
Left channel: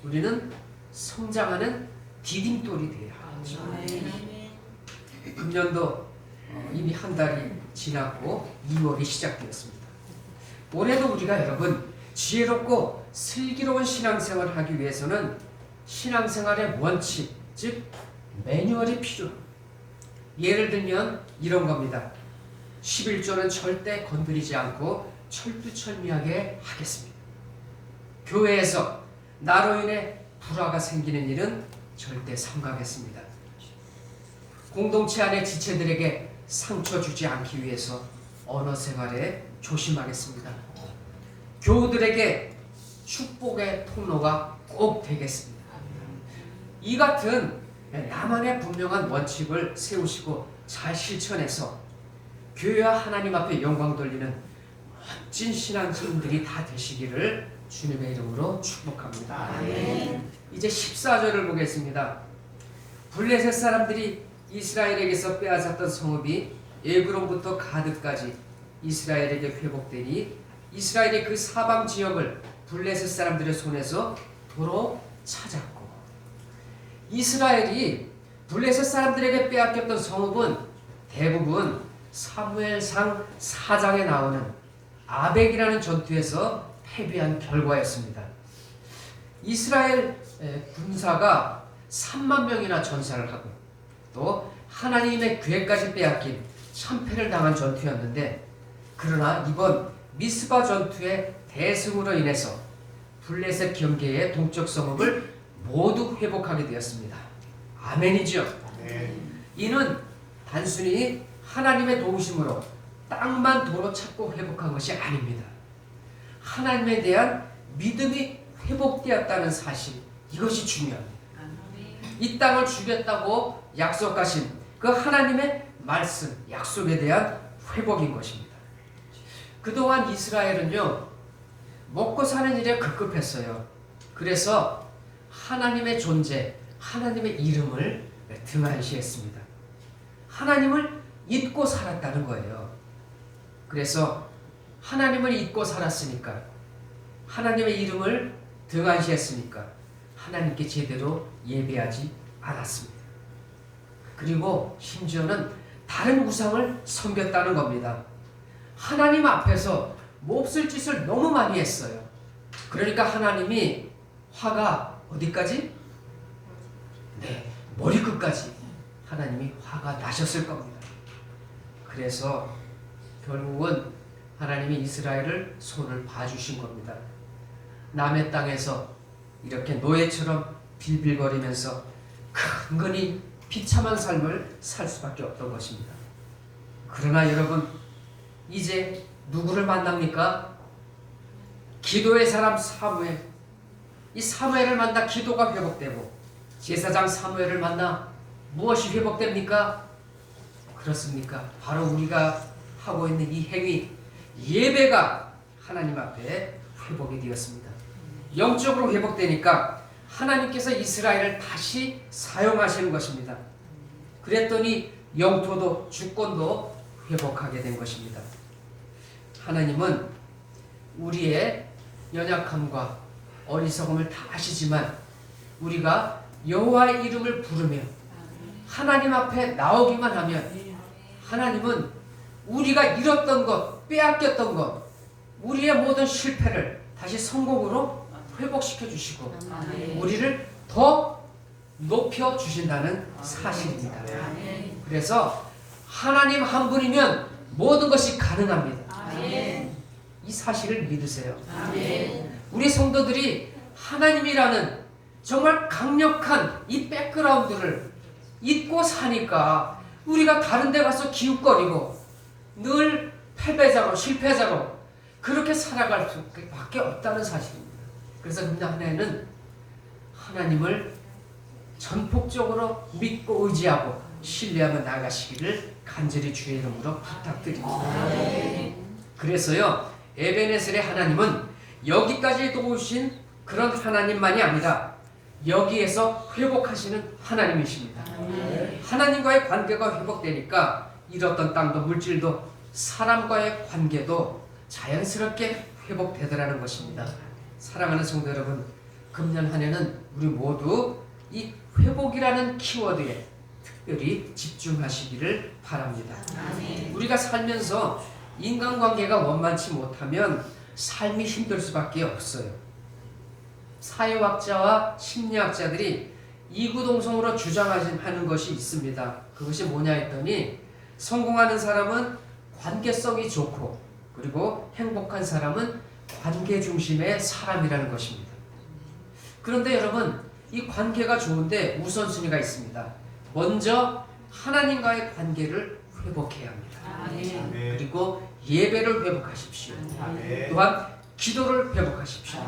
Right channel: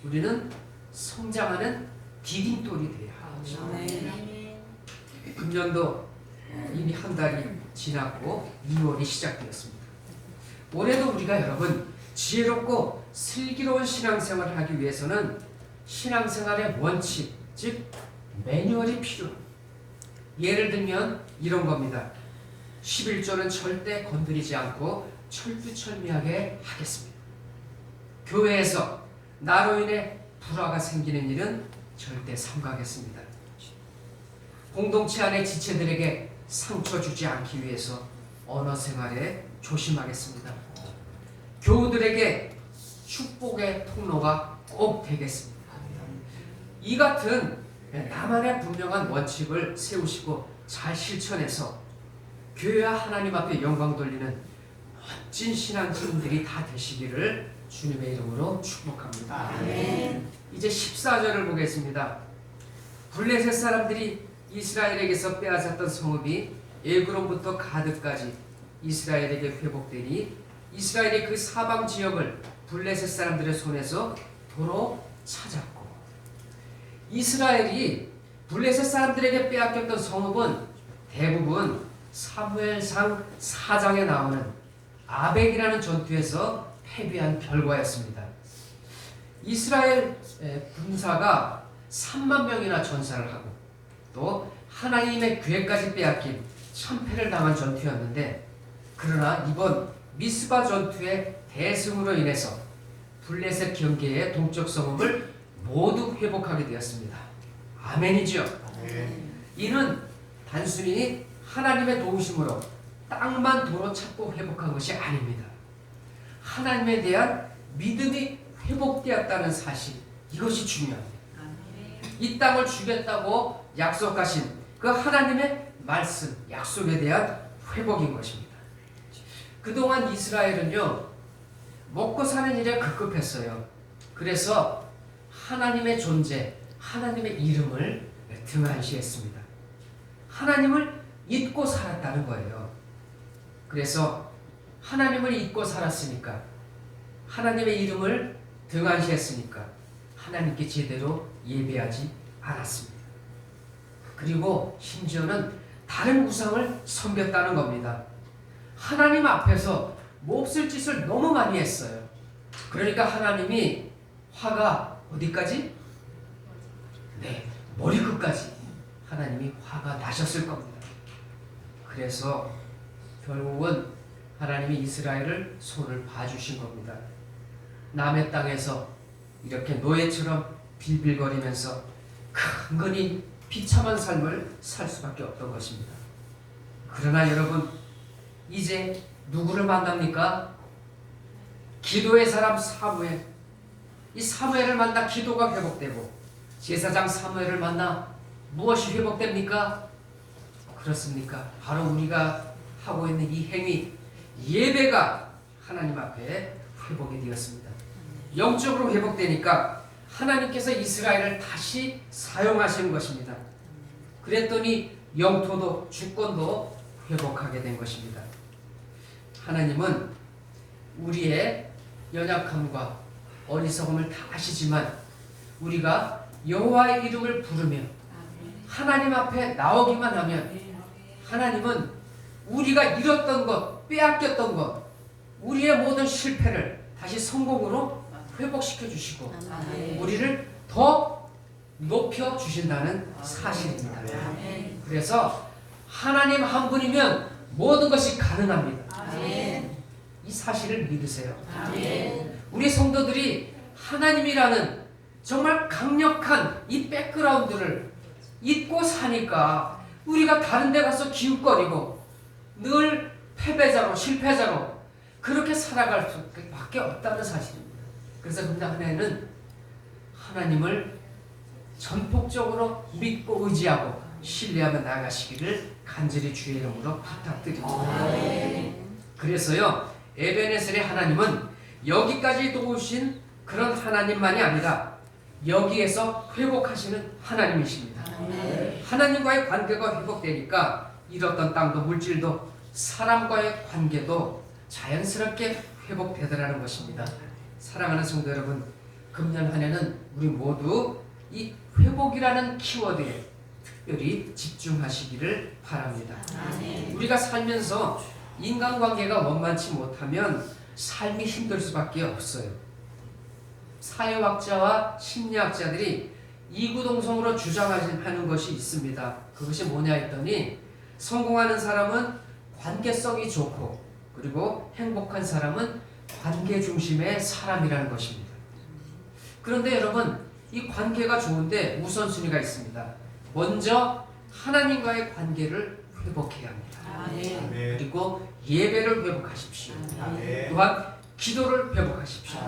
우리는 성장하는 디딤돌이 돼야 하죠. 금년도 이미 한 달이 지났고 2월이 시작되었습니다. 올해도 우리가 여러분 지혜롭고 슬기로운 신앙생활을 하기 위해서는 신앙생활의 원칙, 즉 매뉴얼이 필요합니다. 예를 들면 이런 겁니다. 11조는 절대 건드리지 않고 철두철미하게 하겠습니다. 교회에서 나로 인해 불화가 생기는 일은 절대 삼가하겠습니다. 공동체 안의 지체들에게 상처 주지 않기 위해서 언어 생활에 조심하겠습니다. 교우들에게 축복의 통로가 꼭 되겠습니다. 이 같은 나만의 분명한 원칙을 세우시고 잘 실천해서 교회와 하나님 앞에 영광 돌리는 멋진 신앙인들이 다 되시기를 주님의 이름으로 축복합니다. 아멘. 이제 14절을 보겠습니다. 블레셋 사람들이 이스라엘에게서 빼앗았던 성읍이 에그론부터 가드까지 이스라엘에게 회복되니 이스라엘이 그 사방 지역을 블레셋 사람들의 손에서 도로 찾았고, 이스라엘이 블레셋 사람들에게 빼앗겼던 성읍은 대부분 사무엘상 4장에 나오는 아벡이라는 전투에서 패배한 결과였습니다. 이스라엘 군사가 3만 명이나 전사를 하고 또 하나님의 괴까지 빼앗긴 참패를 당한 전투였는데, 그러나 이번 미스바 전투의 대승으로 인해서 블레셋 경계의 동쪽 성읍을 모두 회복하게 되었습니다. 아멘이죠. 이는 단순히 하나님의 도우심으로 땅만 도로 찾고 회복한 것이 아닙니다. 하나님에 대한 믿음이 회복되었다는 사실, 이것이 중요합니다. 이 땅을 주겠다고 약속하신 그 하나님의 말씀, 약속에 대한 회복인 것입니다. 그동안 이스라엘은요, 먹고 사는 일에 급급했어요. 그래서 하나님의 존재, 하나님의 이름을 등한시했습니다. 하나님을 잊고 살았다는 거예요. 그래서 하나님을 잊고 살았으니까, 하나님의 이름을 등한시했으니까 하나님께 제대로 예배하지 않았습니다. 그리고 심지어는 다른 우상을 섬겼다는 겁니다. 하나님 앞에서 몹쓸 짓을 너무 많이 했어요. 그러니까 하나님이 화가 어디까지? 네, 머리끝까지 하나님이 화가 나셨을 겁니다. 그래서 결국은 하나님이 이스라엘을 손을 봐주신 겁니다. 남의 땅에서 이렇게 노예처럼 빌빌거리면서 근근히 비참한 삶을 살 수밖에 없던 것입니다. 그러나 여러분, 이제 누구를 만납니까? 기도의 사람 사무엘. 이 사무엘을 만나 기도가 회복되고, 제사장 사무엘을 만나 무엇이 회복됩니까? 그렇습니까? 바로 우리가 하고 있는 이 행위, 예배가 하나님 앞에 회복이 되었습니다. 영적으로 회복되니까 하나님께서 이스라엘을 다시 사용하시는 것입니다. 그랬더니 영토도 주권도 회복하게 된 것입니다. 하나님은 우리의 연약함과 어리석음을 다 아시지만 우리가 여호와의 이름을 부르며 하나님 앞에 나오기만 하면 하나님은 우리가 잃었던 것, 빼앗겼던 것, 우리의 모든 실패를 다시 성공으로 회복시켜 주시고 우리를 더 높여 주신다는 사실입니다. 그래서 하나님 한 분이면 모든 것이 가능합니다. 이 사실을 믿으세요. 우리 성도들이 하나님이라는 정말 강력한 이 백그라운드를 잊고 사니까 우리가 다른 데 가서 기웃거리고 늘 패배자로, 실패자로 그렇게 살아갈 수밖에 없다는 사실입니다. 그래서 그냥 하나는 하나님을 전폭적으로 믿고 의지하고 신뢰하며 나아가시기를 간절히 주의 이름으로 부탁드립니다. 그래서요, 에베네셀의 하나님은 여기까지 도우신 그런 하나님만이 아니라 여기에서 회복하시는 하나님이십니다. 하나님과의 관계가 회복되니까 잃었던 땅도 물질도 사람과의 관계도 자연스럽게 회복되더라는 것입니다. 사랑하는 성도 여러분, 금년 한 해는 우리 모두 이 회복이라는 키워드에 특별히 집중하시기를 바랍니다. 우리가 살면서 인간관계가 원만치 못하면 삶이 힘들 수밖에 없어요. 사회학자와 심리학자들이 이구동성으로 주장하는 것이 있습니다. 그것이 뭐냐 했더니 성공하는 사람은 관계성이 좋고 그리고 행복한 사람은 관계 중심의 사람이라는 것입니다. 그런데 여러분, 이 관계가 좋은데 우선순위가 있습니다. 먼저 하나님과의 관계를 회복해야 합니다. 그리고 예배를 회복하십시오. 또한 기도를 회복하십시오.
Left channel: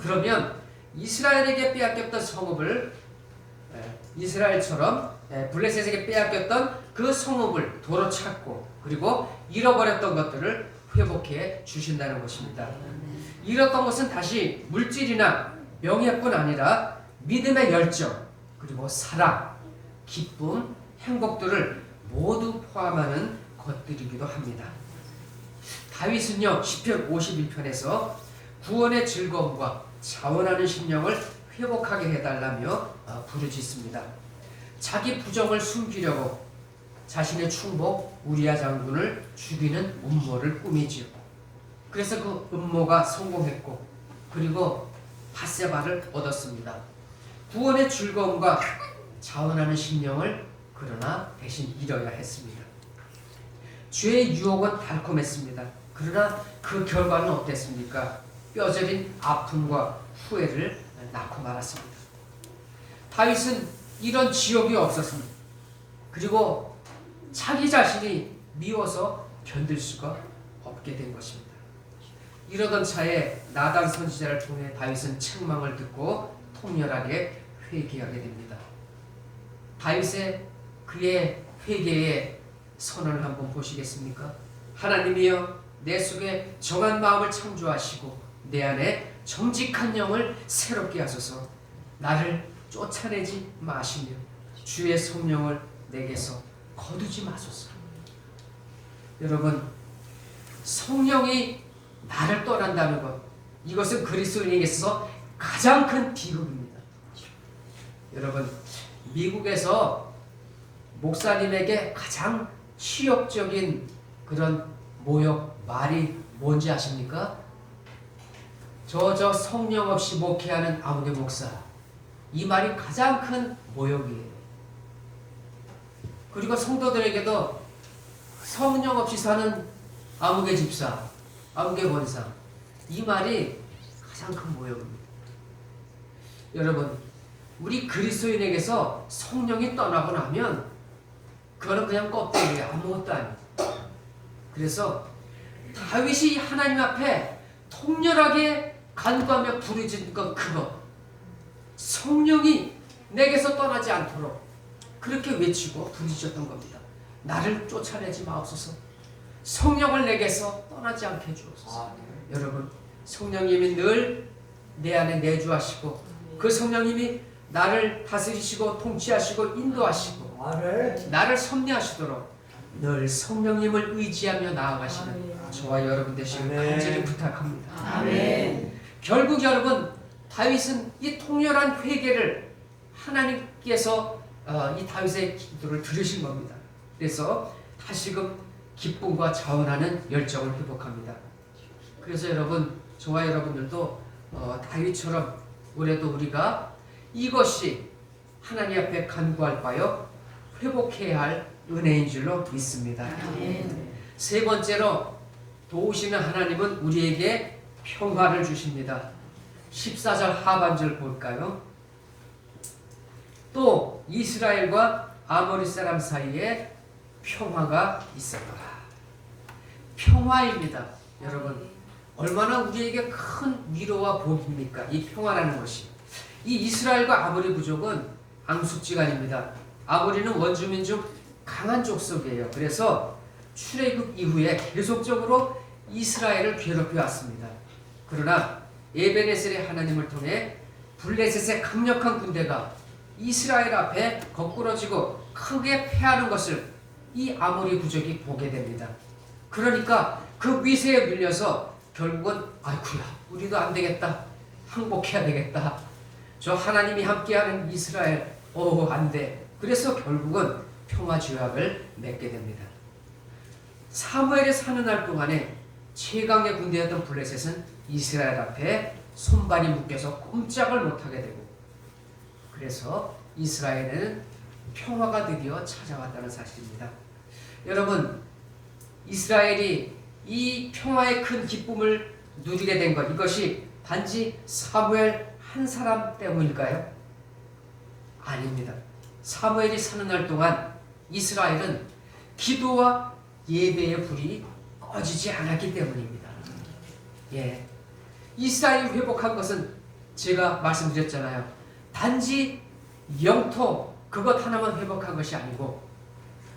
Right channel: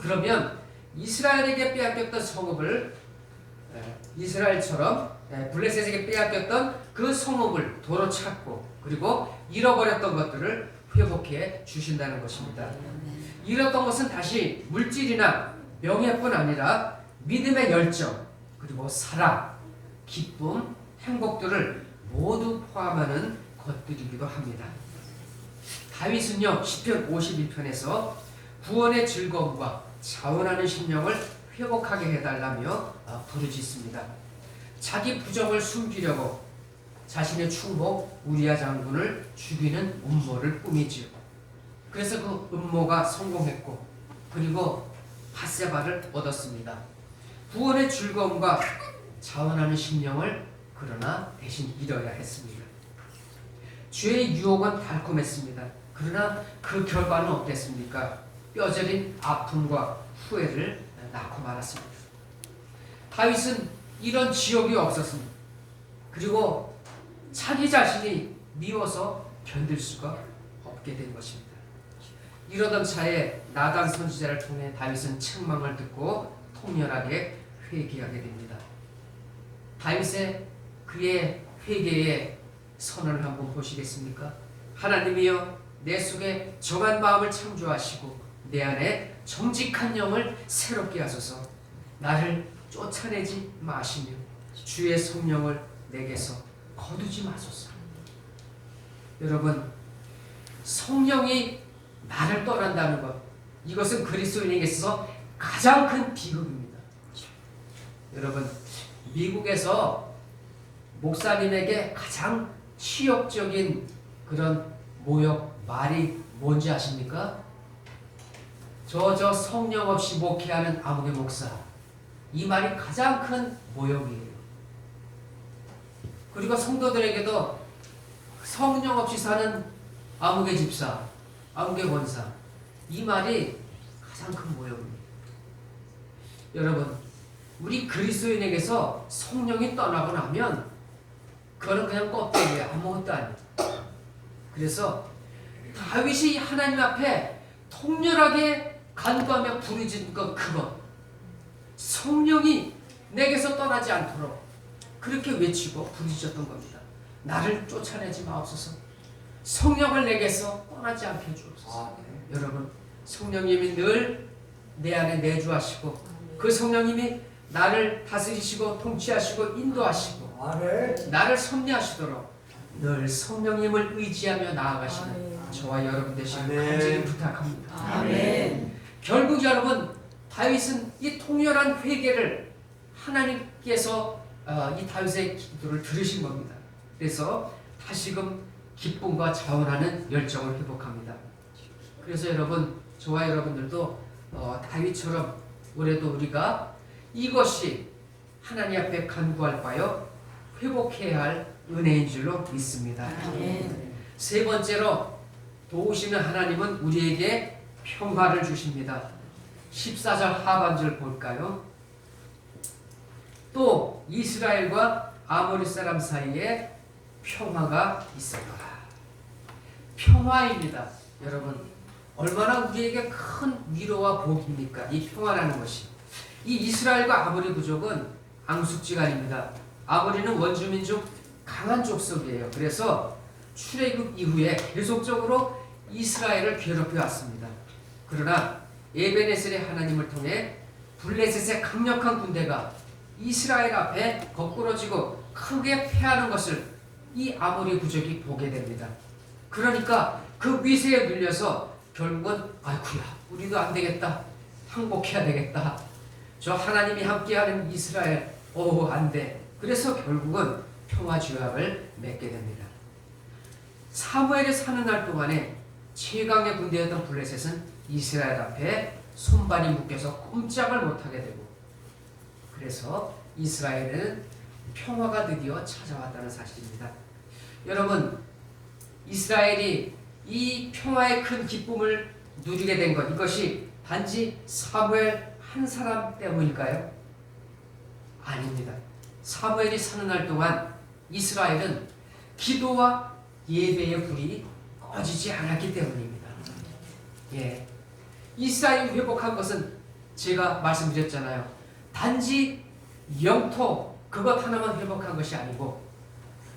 그러면 이스라엘에게 빼앗겼던 성읍을 이스라엘처럼 블레셋에게 빼앗겼던 그 성읍을 도로 찾고 그리고 잃어버렸던 것들을 회복해 주신다는 것입니다. 잃었던 것은 다시 물질이나 명예뿐 아니라 믿음의 열정 그리고 사랑, 기쁨, 행복들을 모두 포함하는 것들이기도 합니다. 다윗은요, 시편 51편에서 구원의 즐거움과 자원하는 심령을 회복하게 해달라며 부르짖습니다. 자기 부정을 숨기려고 자신의 충복 우리아 장군을 죽이는 음모를 꾸미지요. 그래서 그 음모가 성공했고 그리고 밧세바를 얻었습니다. 구원의 즐거움과 자원하는 심령을 그러나 대신 잃어야 했습니다. 죄의 유혹은 달콤했습니다. 그러나 그 결과는 어땠습니까? 뼈저린 아픔과 후회를 낳고 말았습니다. 다윗은 이런 지옥이 없었습니다. 그리고 자기 자신이 미워서 견딜 수가 없게 된 것입니다. 이러던 차에 나단 선지자를 통해 다윗은 책망을 듣고 통렬하게 회개하게 됩니다. 다윗의 그의 회개에 선언을 한번 보시겠습니까? 하나님이여 내 속에 정한 마음을 창조하시고 내 안에 정직한 영을 새롭게 하소서. 나를 쫓아내지 마시며 주의 성령을 내게서 거두지 마소서. 여러분, 성령이 나를 떠난다는 것, 이것은 그리스도인에게서 가장 큰 비극입니다. 여러분, 미국에서 목사님에게 가장 치욕적인 그런 모욕 말이 뭔지 아십니까? 저 성령 없이 목회하는 아무개 목사, 이 말이 가장 큰 모욕이에요. 그리고 성도들에게도 성령 없이 사는 아무개 집사, 아무개 권사, 이 말이 가장 큰 모욕입니다. 여러분, 우리 그리스도인에게서 성령이 떠나고 나면 그거는 그냥 껍데기예요. 아무것도 아니에요. 그래서 다윗이 하나님 앞에 통렬하게 간구하며 부르짖은 것, 그거 성령이 내게서 떠나지 않도록 그렇게 외치고 부르짖었던 겁니다. 나를 쫓아내지 마옵소서. 성령을 내게서 떠나지 않게 해주옵소서. 여러분, 성령님이 늘 내 안에 내주하시고 그 성령님이 나를 다스리시고 통치하시고 인도하시고 나를 섭리하시도록 늘 성령님을 의지하며 나아가시는 저와 여러분 되시길 간절히 부탁합니다. 아멘. 결국 여러분, 다윗은 이 통렬한 회개를 하나님께서 이 다윗의 기도를 들으신 겁니다. 그래서 다시금 기쁨과 자원하는 열정을 회복합니다. 그래서 여러분, 저와 여러분들도 다윗처럼 올해도 우리가 이것이 하나님 앞에 간구할 바요 회복해야 할 은혜인 줄로 믿습니다. 아멘. 세 번째로 도우시는 하나님은 우리에게 평화를 주십니다. 14절 하반절 볼까요? 또 이스라엘과 아모리 사람 사이에 평화가 있었더라. 평화입니다. 여러분, 얼마나 우리에게 큰 위로와 복입니까? 이 평화라는 것이. 이 이스라엘과 아모리 부족은 앙숙지간입니다. 아모리는 원주민 중 강한 족속이에요. 그래서 출애굽 이후에 계속적으로 이스라엘을 괴롭혀 왔습니다. 그러나 에베네셀의 하나님을 통해 블레셋의 강력한 군대가 이스라엘 앞에 거꾸러지고 크게 패하는 것을 이 아모리 부족이 보게 됩니다. 그러니까 그 위세에 밀려서 결국은 아이쿠야, 우리도 안 되겠다, 항복해야 되겠다, 저 하나님이 함께하는 이스라엘 안 돼. 그래서 결국은 평화조약을 맺게 됩니다. 사무엘이 사는 날 동안에 최강의 군대였던 블레셋은 이스라엘 앞에 손발이 묶여서 꼼짝을 못하게 되고, 그래서 이스라엘에는 평화가 드디어 찾아왔다는 사실입니다. 여러분, 이스라엘이 이 평화의 큰 기쁨을 누리게 된 것, 이것이 단지 사무엘 한 사람 때문일까요? 아닙니다. 사무엘이 사는 날 동안 이스라엘은 기도와 예배의 불이 꺼지지 않았기 때문입니다. 예, 이스라엘이 회복한 것은 제가 말씀드렸잖아요. 단지 영토 그것 하나만 회복한 것이 아니고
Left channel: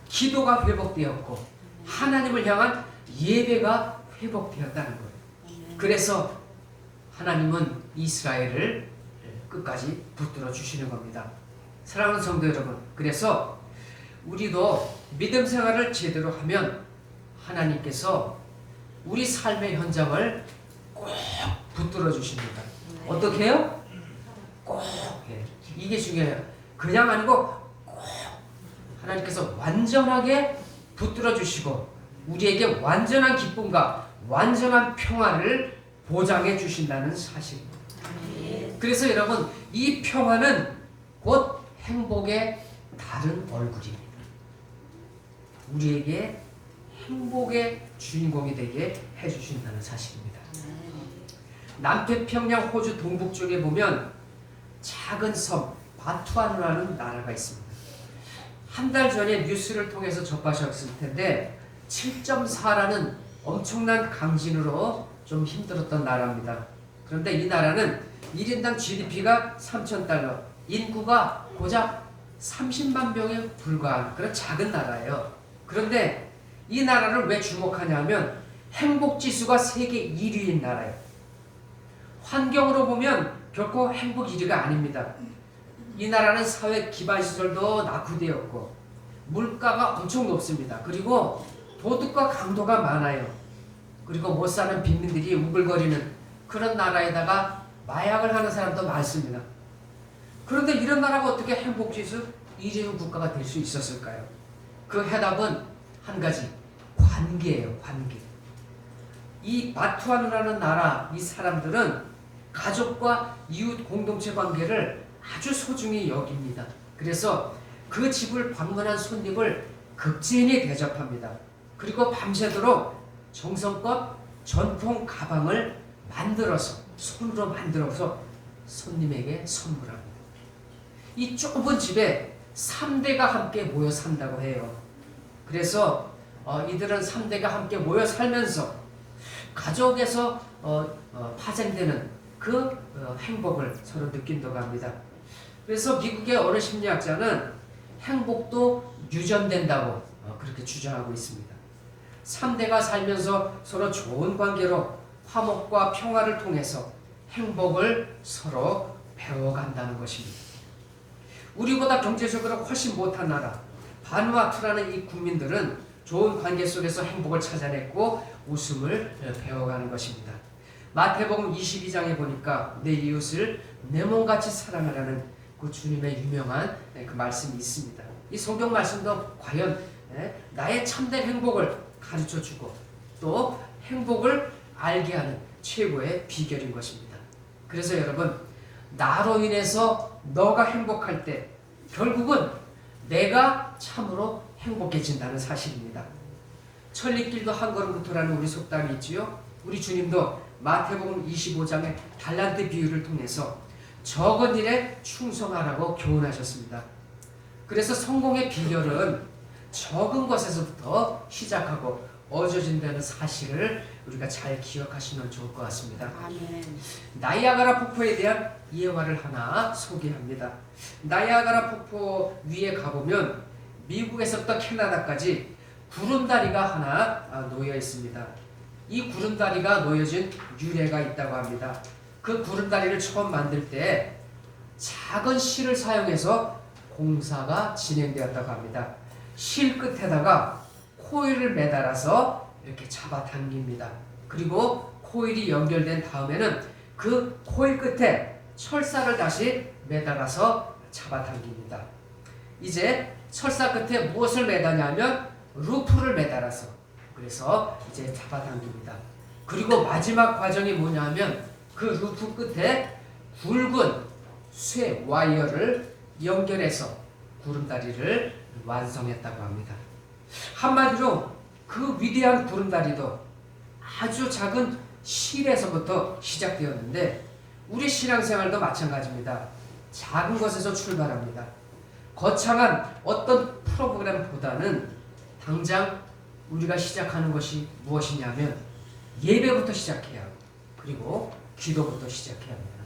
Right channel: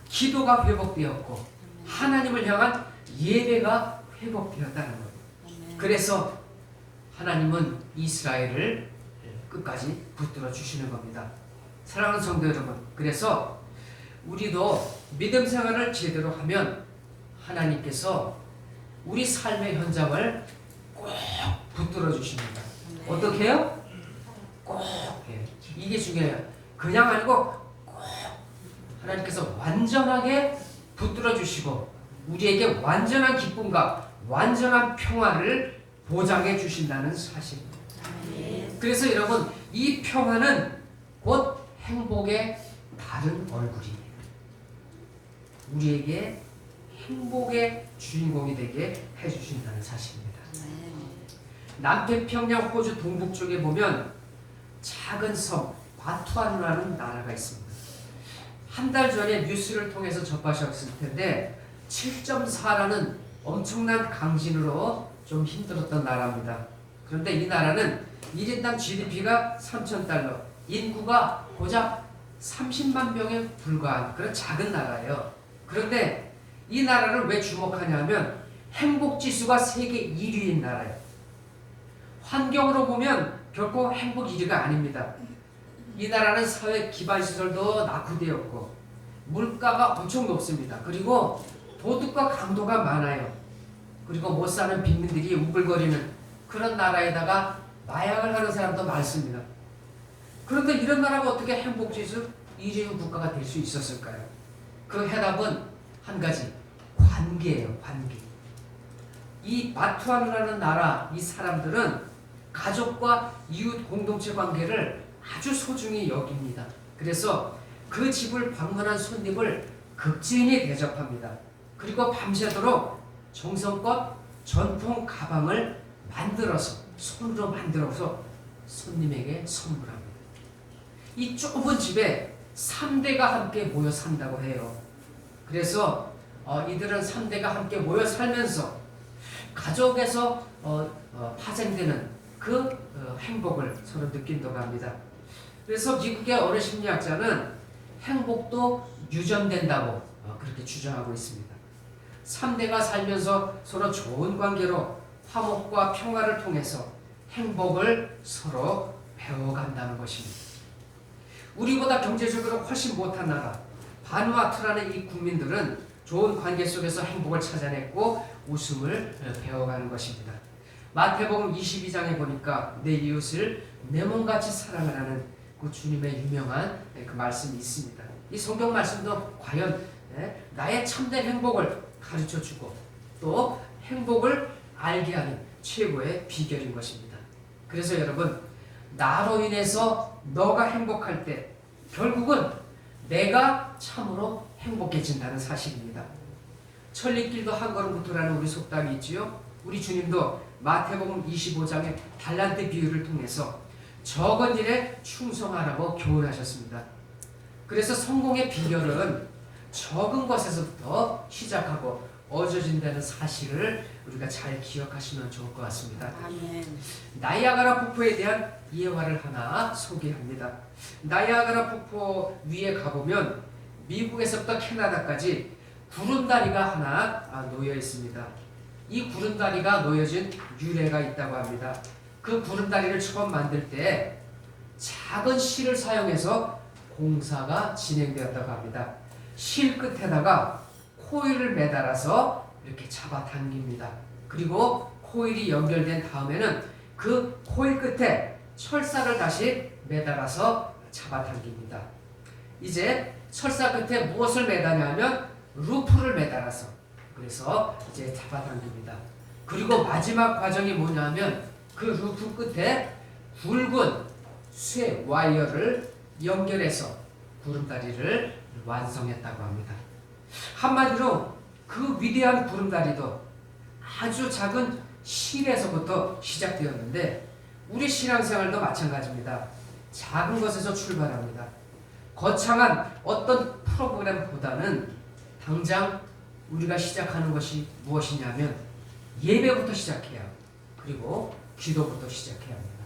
기도가 회복되었고 하나님을 향한 예배가 회복되었다는 거예요. 그래서 하나님은 이스라엘을 끝까지 붙들어 주시는 겁니다. 사랑하는 성도 여러분, 그래서 우리도 믿음 생활을 제대로 하면 하나님께서 우리 삶의 현장을 꼭 붙들어 주십니다. 어떻게 해요? 꼭. 이게 중요해요. 그냥 아니고 꼭 하나님께서 완전하게 붙들어 주시고 우리에게 완전한 기쁨과 완전한 평화를 보장해 주신다는 사실입니다. 그래서 여러분, 이 평화는 곧 행복의 다른 얼굴입니다. 우리에게 행복의 주인공이 되게 해주신다는 사실입니다. 남태평양 호주 동북쪽에 보면 작은 섬 바투아누라는 나라가 있습니다. 한 달 전에 뉴스를 통해서 접하셨을 텐데 7.4라는 엄청난 강진으로 좀 힘들었던 나라입니다. 그런데 이 나라는 1인당 GDP가 3,000달러, 인구가 고작 30만 명에 불과한 그런 작은 나라예요. 그런데 이 나라를 왜 주목하냐면 행복지수가 세계 1위인 나라예요. 환경으로 보면 결코 행복 1위가 아닙니다. 이 나라는 사회 기반시설도 낙후되었고 물가가 엄청 높습니다. 그리고 도둑과 강도가 많아요. 그리고 못 사는 빈민들이 우글거리는 그런 나라에다가 마약을 하는 사람도 많습니다. 그런데 이런 나라가 어떻게 행복지수 1위 국가가 될 수 있었을까요? 그 해답은 한 가지, 관계예요. 관계. 이 마투아누라는 나라, 이 사람들은 가족과 이웃 공동체 관계를 아주 소중히 여깁니다. 그래서 그 집을 방문한 손님을 극진히 대접합니다. 그리고 밤새도록 정성껏 전통 가방을 손으로 만들어서 손님에게 선물합니다. 이 좁은 집에 3대가 함께 모여 산다고 해요. 그래서 이들은 3대가 함께 모여 살면서 가족에서 파생되는 그 행복을 서로 느낀다고 합니다. 그래서 미국의 어느 심리학자는 행복도 유전된다고 그렇게 주장하고 있습니다. 3대가 살면서 서로 좋은 관계로 화목과 평화를 통해서 행복을 서로 배워간다는 것입니다. 우리보다 경제적으로 훨씬 못한 나라 바누아투라는 이 국민들은 좋은 관계 속에서 행복을 찾아냈고 웃음을 배워가는 것입니다. 마태복음 22장에 보니까 내 이웃을 내 몸같이 사랑을 하는 그 주님의 유명한 그 말씀이 있습니다. 이 성경 말씀도 과연 나의 참된 행복을 가르쳐주고 또 행복을 알게 하는 최고의 비결인 것입니다. 그래서 여러분, 나로 인해서 너가 행복할 때 결국은 내가 참으로 행복해진다는 사실입니다. 천리길도 한 걸음부터라는 우리 속담이 있지요. 우리 주님도 마태복음 25장의 달란트 비유를 통해서 적은 일에 충성하라고 교훈하셨습니다. 그래서 성공의 비결은 적은 것에서부터 시작하고 얻어진다는 사실을 우리가 잘 기억하시면 좋을 것 같습니다. 아멘. 나이아가라 폭포에 대한 예화를 하나 소개합니다. 나이아가라 폭포 위에 가보면 미국에서부터 캐나다까지 구름다리가 하나 놓여 있습니다. 이 구름다리가 놓여진 유래가 있다고 합니다. 그 구름다리를 처음 만들 때 작은 실을 사용해서 공사가 진행되었다고 합니다. 실 끝에다가 코일을 매달아서 이렇게 잡아당깁니다. 그리고 코일이 연결된 다음에는 그 코일 끝에 철사를 다시 매달아서 잡아당깁니다. 이제 철사 끝에 무엇을 매다냐면 루프를 매달아서 그래서 이제 잡아당깁니다. 그리고 마지막 과정이 뭐냐면 그 루프 끝에 굵은 쇠 와이어를 연결해서 구름다리를 완성했다고 합니다. 한마디로 그 위대한 구름다리도 아주 작은 실에서부터 시작되었는데 우리 신앙생활도 마찬가지입니다. 작은 것에서 출발합니다. 거창한 어떤 프로그램보다는 당장 우리가 시작하는 것이 무엇이냐면 예배부터 시작해야 하고 그리고 기도부터 시작해야 합니다.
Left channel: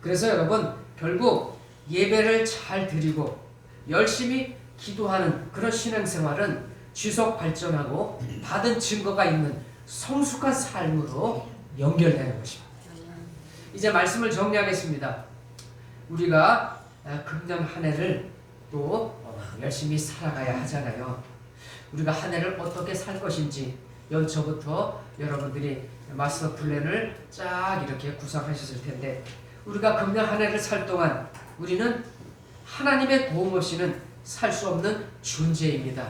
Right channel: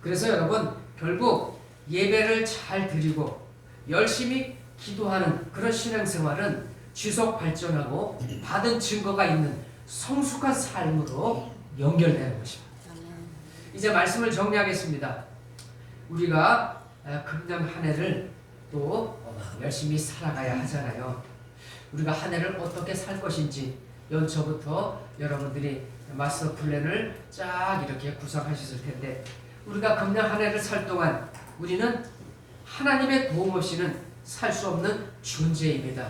그래서 여러분, 결국 예배를 잘 드리고 열심히 기도하는 그런 신앙생활은 지속 발전하고 받은 증거가 있는 성숙한 삶으로 연결되는 것입니다. 이제 말씀을 정리하겠습니다. 우리가 금년 한 해를 또 열심히 살아가야 하잖아요. 우리가 한 해를 어떻게 살 것인지 연초부터 여러분들이 마스터 플랜을 쫙 이렇게 구상하셨을 텐데 우리가 금년 한 해를 살 동안 우리는 하나님의 도움 없이는 살 수 없는 존재입니다.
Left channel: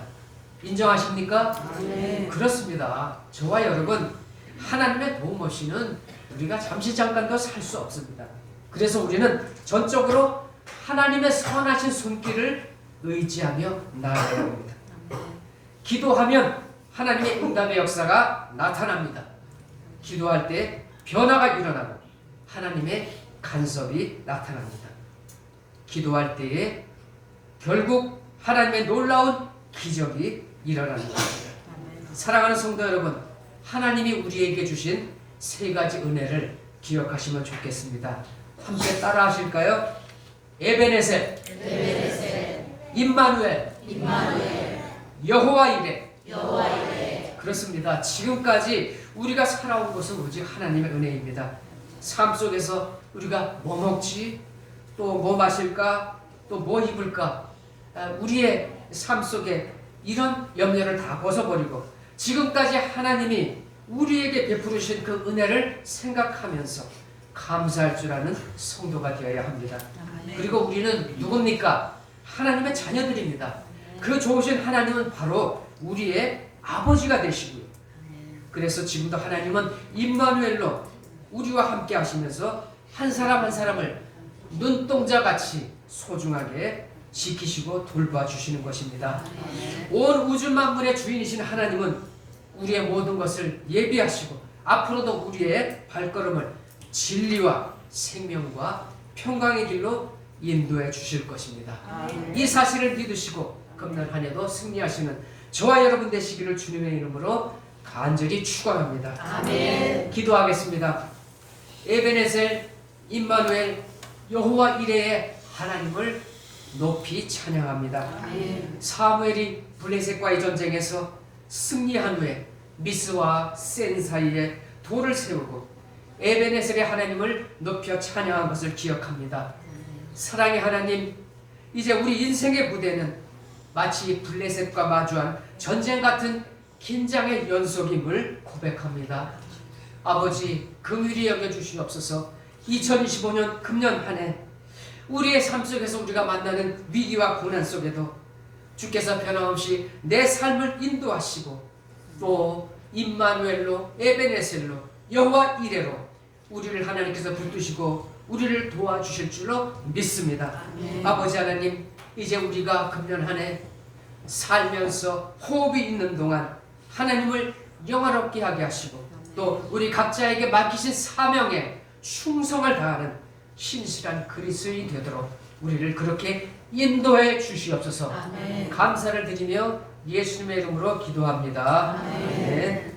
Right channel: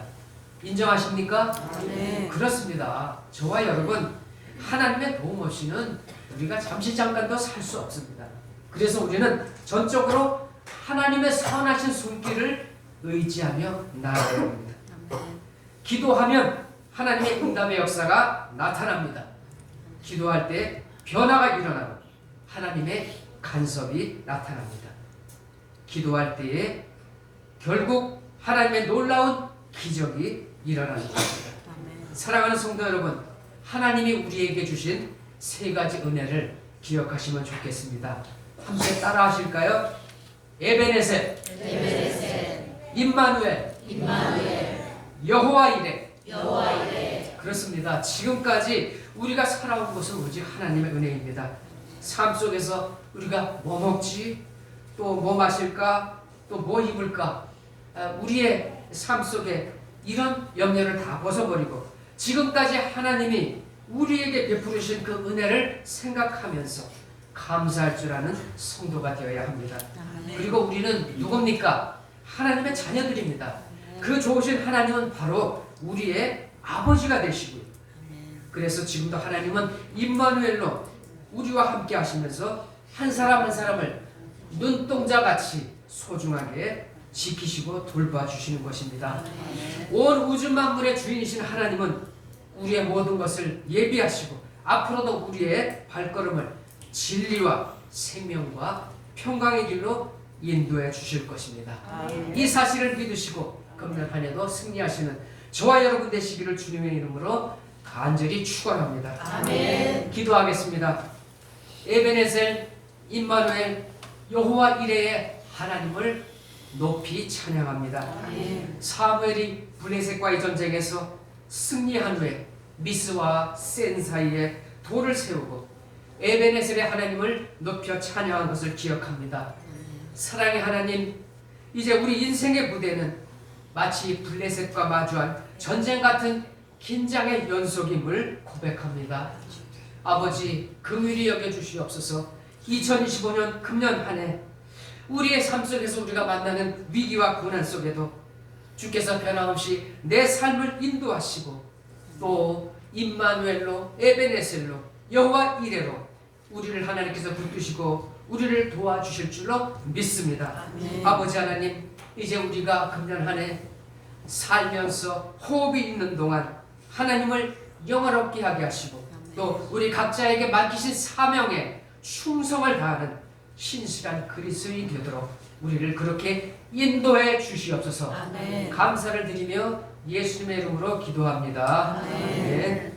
인정하십니까? 네. 그렇습니다. 저와 여러분, 하나님의 도움 없이는 우리가 잠깐도 살 수 없습니다. 그래서 우리는 전적으로 하나님의 선하신 손길을 의지하며 나아가야 합니다. 기도하면 하나님의 응답의 역사가 나타납니다. 기도할 때 변화가 일어나고 하나님의 간섭이 나타납니다. 기도할 때에 결국 하나님의 놀라운 기적이 일어나는 것입니다. 사랑하는 성도 여러분, 하나님이 우리에게 주신 세 가지 은혜를 기억하시면 좋겠습니다. 함께 따라 하실까요? 에베네셋, 임마누엘, 여호와 이레. 여호와 이레. 그렇습니다. 지금까지 우리가 살아온 것은 오직 하나님의 은혜입니다. 삶 속에서 우리가 뭐 먹지? 또 뭐 마실까? 또 뭐 입을까? 우리의 삶 속에 이런 염려를 다 벗어버리고 지금까지 하나님이 우리에게 베푸르신 그 은혜를 생각하면서 감사할 줄 아는 성도가 되어야 합니다. 그리고 우리는 누굽니까? 하나님의 자녀들입니다. 그 좋으신 하나님은 바로 우리의 아버지가 되시고요. 그래서 지금도 하나님은 임마누엘로 우리와 함께 하시면서 한 사람 한 사람을 눈동자같이 소중하게 지키시고 돌봐주시는 것입니다. 온 우주 만물의 주인이신 하나님은 우리의 모든 것을 예비하시고 앞으로도 우리의 발걸음을 진리와 생명과 평강의 길로 인도해 주실 것입니다. 이 사실을 믿으시고 금년 한 해도 승리하시는 저와 여러분 되시기를 주님의 이름으로 간절히 축원합니다. 아멘. 기도하겠습니다. 에베네셀, 임마누엘, 여호와 이레의 하나님을 높이 찬양합니다. 아멘. 사무엘이 블레셋과의 전쟁에서 승리한 후에 미스와 센 사이에 돌을 세우고 에베네셀의 하나님을 높여 찬양한 것을 기억합니다. 사랑의 하나님, 이제 우리 인생의 무대는 마치 블레셋과 마주한 전쟁 같은 긴장의 연속임을 고백합니다. 아버지, 긍휼히 여겨주시옵소서. 2025년 금년 한 해 우리의 삶 속에서 우리가 만나는 위기와 고난 속에도 주께서 변함없이 내 삶을 인도하시고 또 임마누엘로 에베네셀로 여호와 이레로 우리를 하나님께서 붙드시고 우리를 도와주실 줄로 믿습니다. 아버지 하나님, 이제 우리가 금년 한 해 살면서 호흡이 있는 동안 하나님을 영화롭게 하게 하시고 또 우리 각자에게 맡기신 사명에 충성을 다하는 신실한 그리스도인이 되도록 우리를 그렇게 인도해 주시옵소서. 아멘. 감사를 드리며 예수님의 이름으로 기도합니다. 아멘. 아멘.